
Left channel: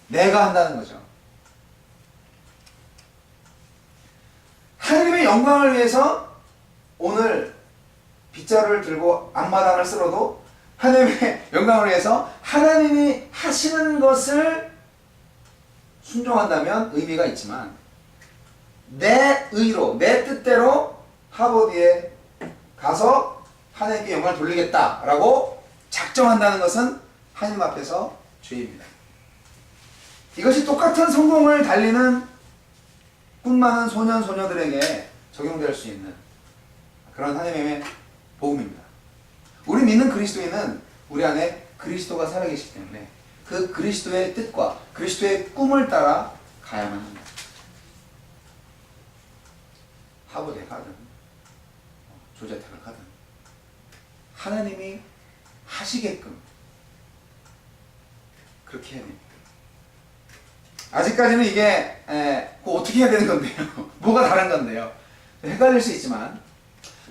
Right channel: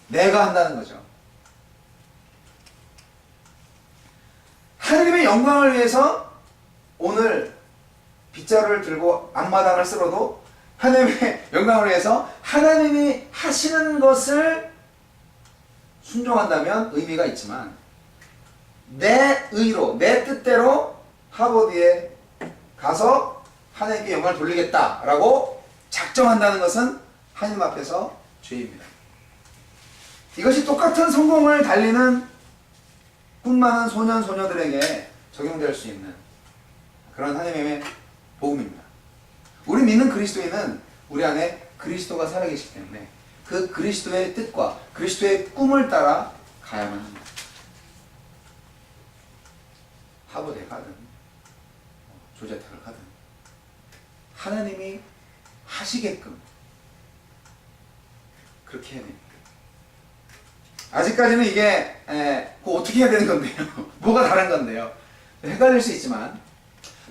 내가 한다는 거죠. 하나님의 영광을 위해서 오늘 빗자루를 들고 앞마당을 쓸어도 하나님의 영광을 위해서 하나님이 하시는 것을 순종한다면 의미가 있지만 내 의로, 내 뜻대로 하버드에 가서 하나님께 영광을 돌리겠다라고 작정한다는 것은 하나님 앞에서 죄입니다. 이것이 똑같은 성공을 달리는 꿈 많은 소년, 소녀들에게 적용될 수 있는 그런 하나님의 복음입니다. 우리 믿는 그리스도인은 우리 안에 그리스도가 살아계시기 때문에 그 그리스도의 뜻과 그리스도의 꿈을 따라 가야만 합니다. 하버드에 가든 조자택을 가든 하나님이 하시게끔 그렇게 해야 됩니다. 아직까지는 이게 어떻게 해야 되는 건데요? 뭐가 다른 건데요? 헷갈릴 수 있지만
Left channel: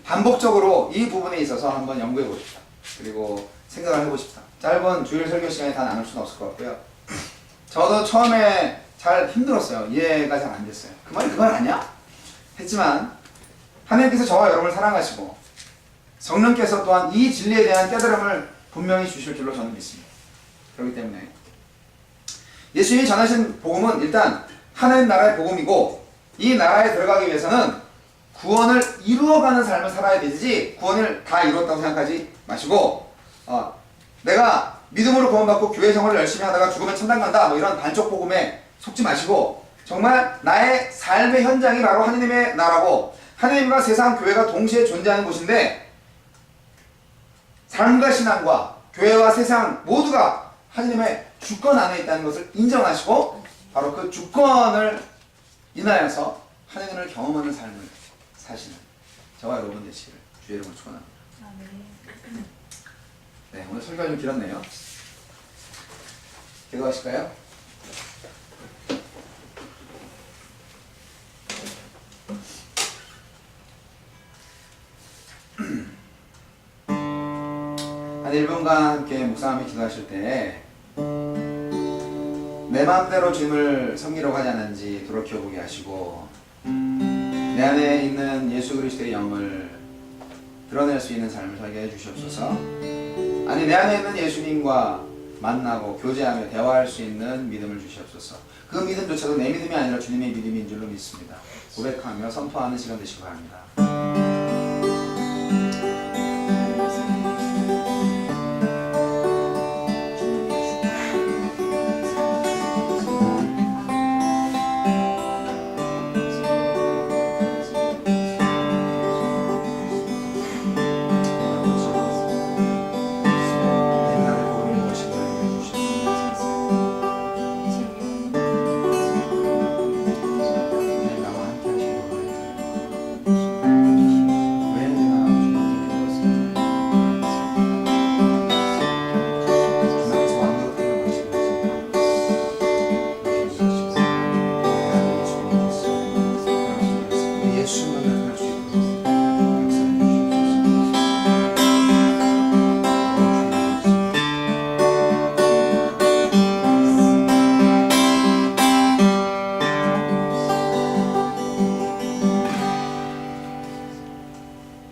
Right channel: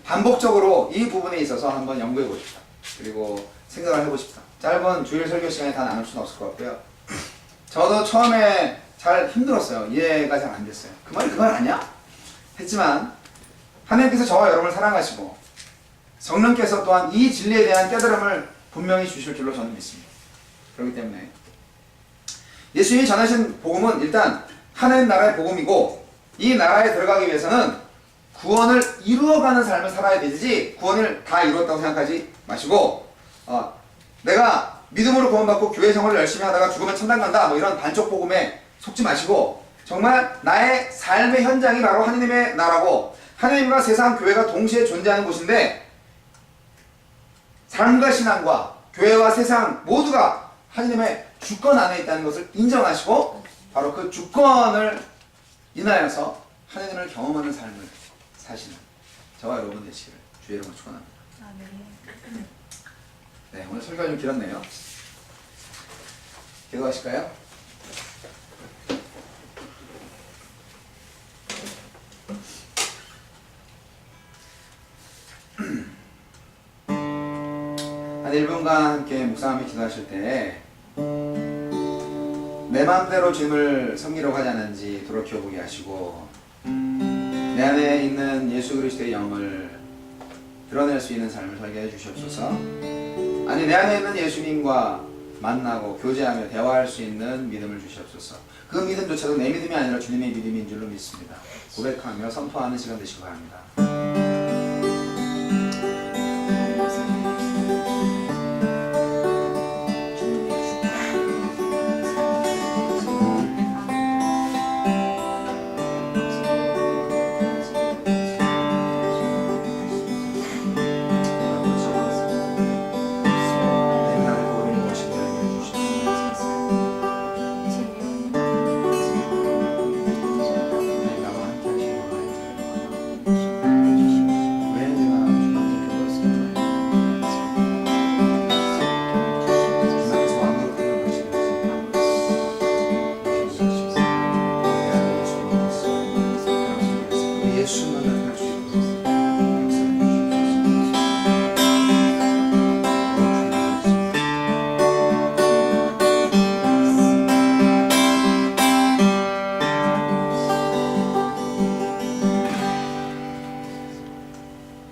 반복적으로 이 부분에 있어서 한번 연구해 보십시다. 그리고 생각을 해보십시다. 짧은 주일 설교 시간에 다 나눌 수는 없을 것 같고요. 저도 처음에 잘 힘들었어요. 이해가 잘 안 됐어요. 그 말이 그 말 아니야? 했지만 하나님께서 저와 여러분을 사랑하시고 성령께서 또한 이 진리에 대한 깨달음을 분명히 주실 줄로 저는 믿습니다. 그렇기 때문에 예수님이 전하신 복음은 일단 하나님 나라의 복음이고, 이 나라에 들어가기 위해서는 구원을 이루어가는 삶을 살아야 되지 구원을 다 이루었다고 생각하지 마시고, 내가 믿음으로 구원받고 교회 생활을 열심히 하다가 죽으면 천당 간다 뭐 이런 반쪽 복음에 속지 마시고, 정말 나의 삶의 현장이 바로 하느님의 나라고 하느님과 세상 교회가 동시에 존재하는 곳인데, 삶과 신앙과 교회와 세상 모두가 하느님의 주권 안에 있다는 것을 인정하시고, 바로 그 주권을 인하여서 하느님을 경험하는 삶을 사시는 저와 여러분 되시기를 주의 이름으로 축원합니다. 아멘. 네, 오늘 설교가 좀 길었네요. 기도하실까요? 한 1분간 함께 묵상하며 기도하실 때 내 마음대로 주님을 섬기려고 하지 않는지 돌이켜보게 하시고, 내 안에 있는 예수 그리스도의 영을 드러낼 수 있는 삶을 살게 해주시옵소서. 아니, 내 안에 있는 예수님과 만나고 교제하며 대화할 수 있는 믿음을 주시옵소서. 그 믿음조차도 내 믿음이 아니라 주님의 믿음인 줄로 믿습니다. 고백하며 선포하는 시간 되시기 바랍니다.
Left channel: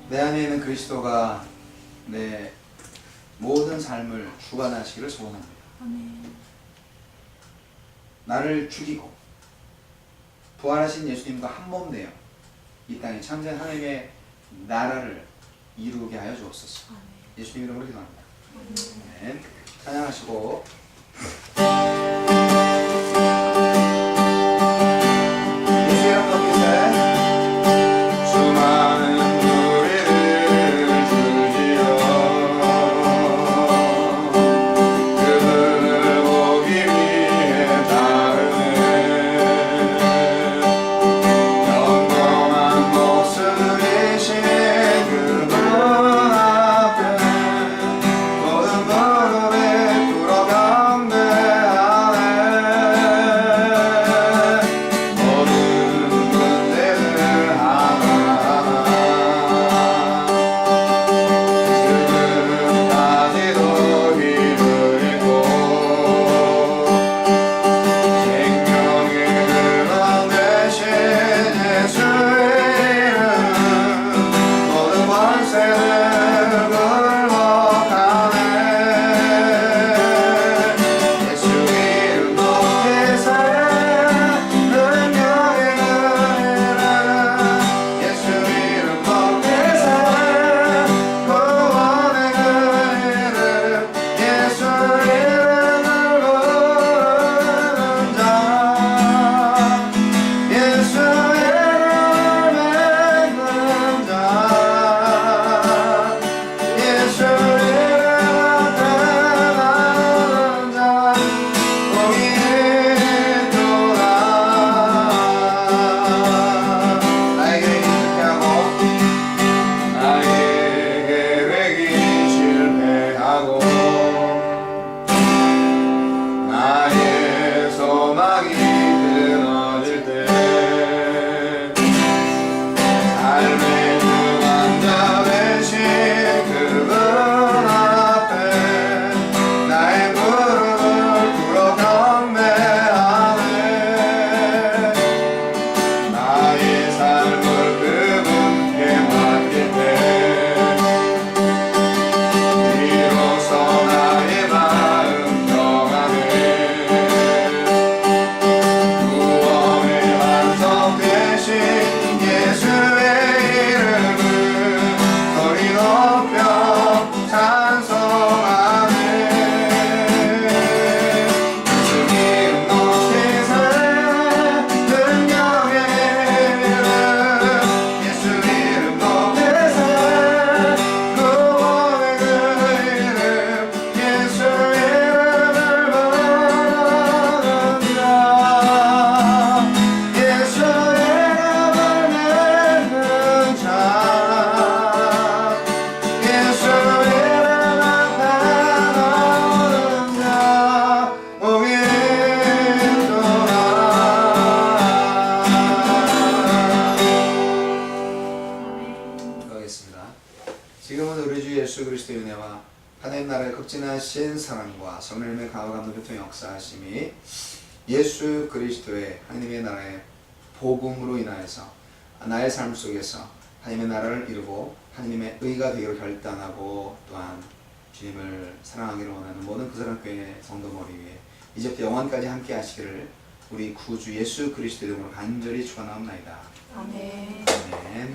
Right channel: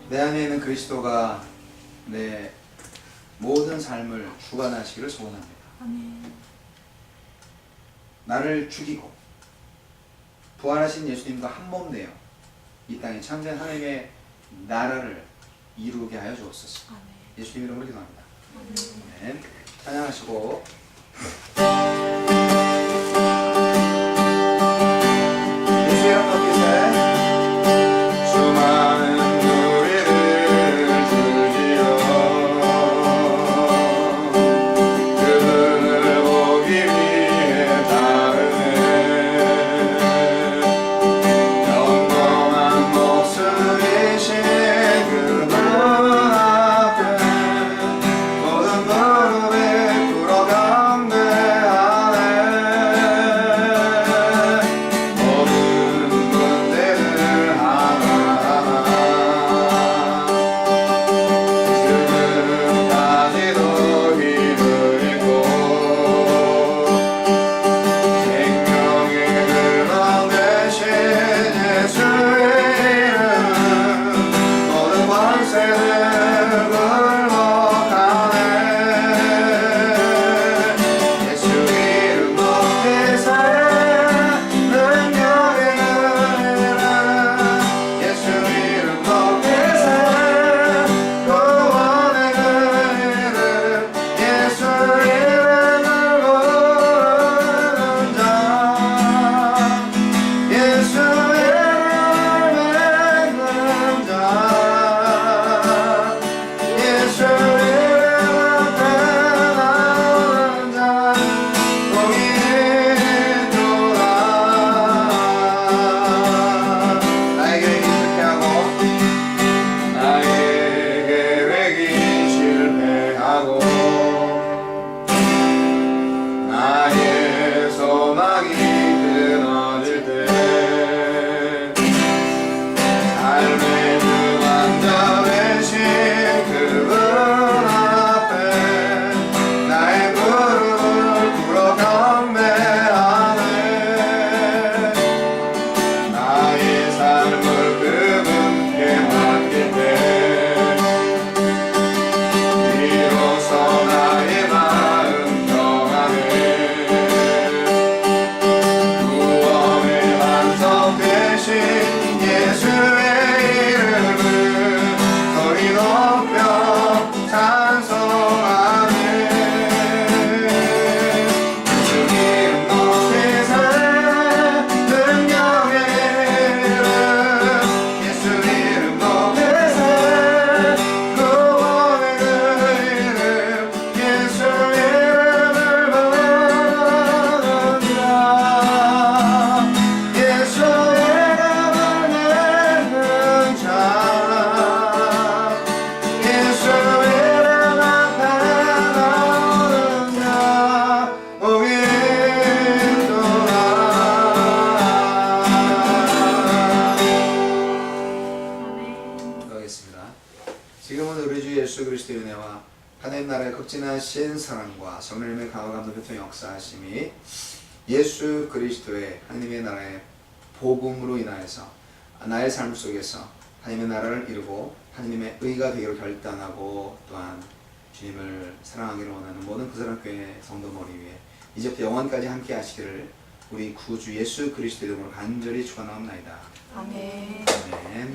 내 안에 있는 그리스도가 내 모든 삶을 주관하시기를 소원합니다. 아멘. 나를 죽이고 부활하신 예수님과 한 몸 되어 이 땅에 참된 하나님의 나라를 이루게 하여 주옵소서. 아멘. 예수님 이름으로 기도합니다. 아멘. 찬양하시고 예수의 이름 높이세. 수많은 무리를 주지어 그들을 보기 위해 따르네. 영원한 목숨이신 그분 앞에 모든 무릎에 꿇어가 예수 그리스도의 은혜와 하나님 나라의 극진하신 사랑과 성령님의 강화 감동 교통 역사하심이 예수 그리스도의 하나님의 나라의 복음으로 인하여서 나의 삶 속에서 하나님의 나라를 이루고 하나님의 의가 되기로 결단하고 또한 주님을 사랑하기를 원하는 모든 그 사람 교회 성도 머리 위에 이제부터 영원까지 함께 하시기를 우리 구주 예수 그리스도의 이름으로 간절히 축원하옵나이다. 아멘. 아멘.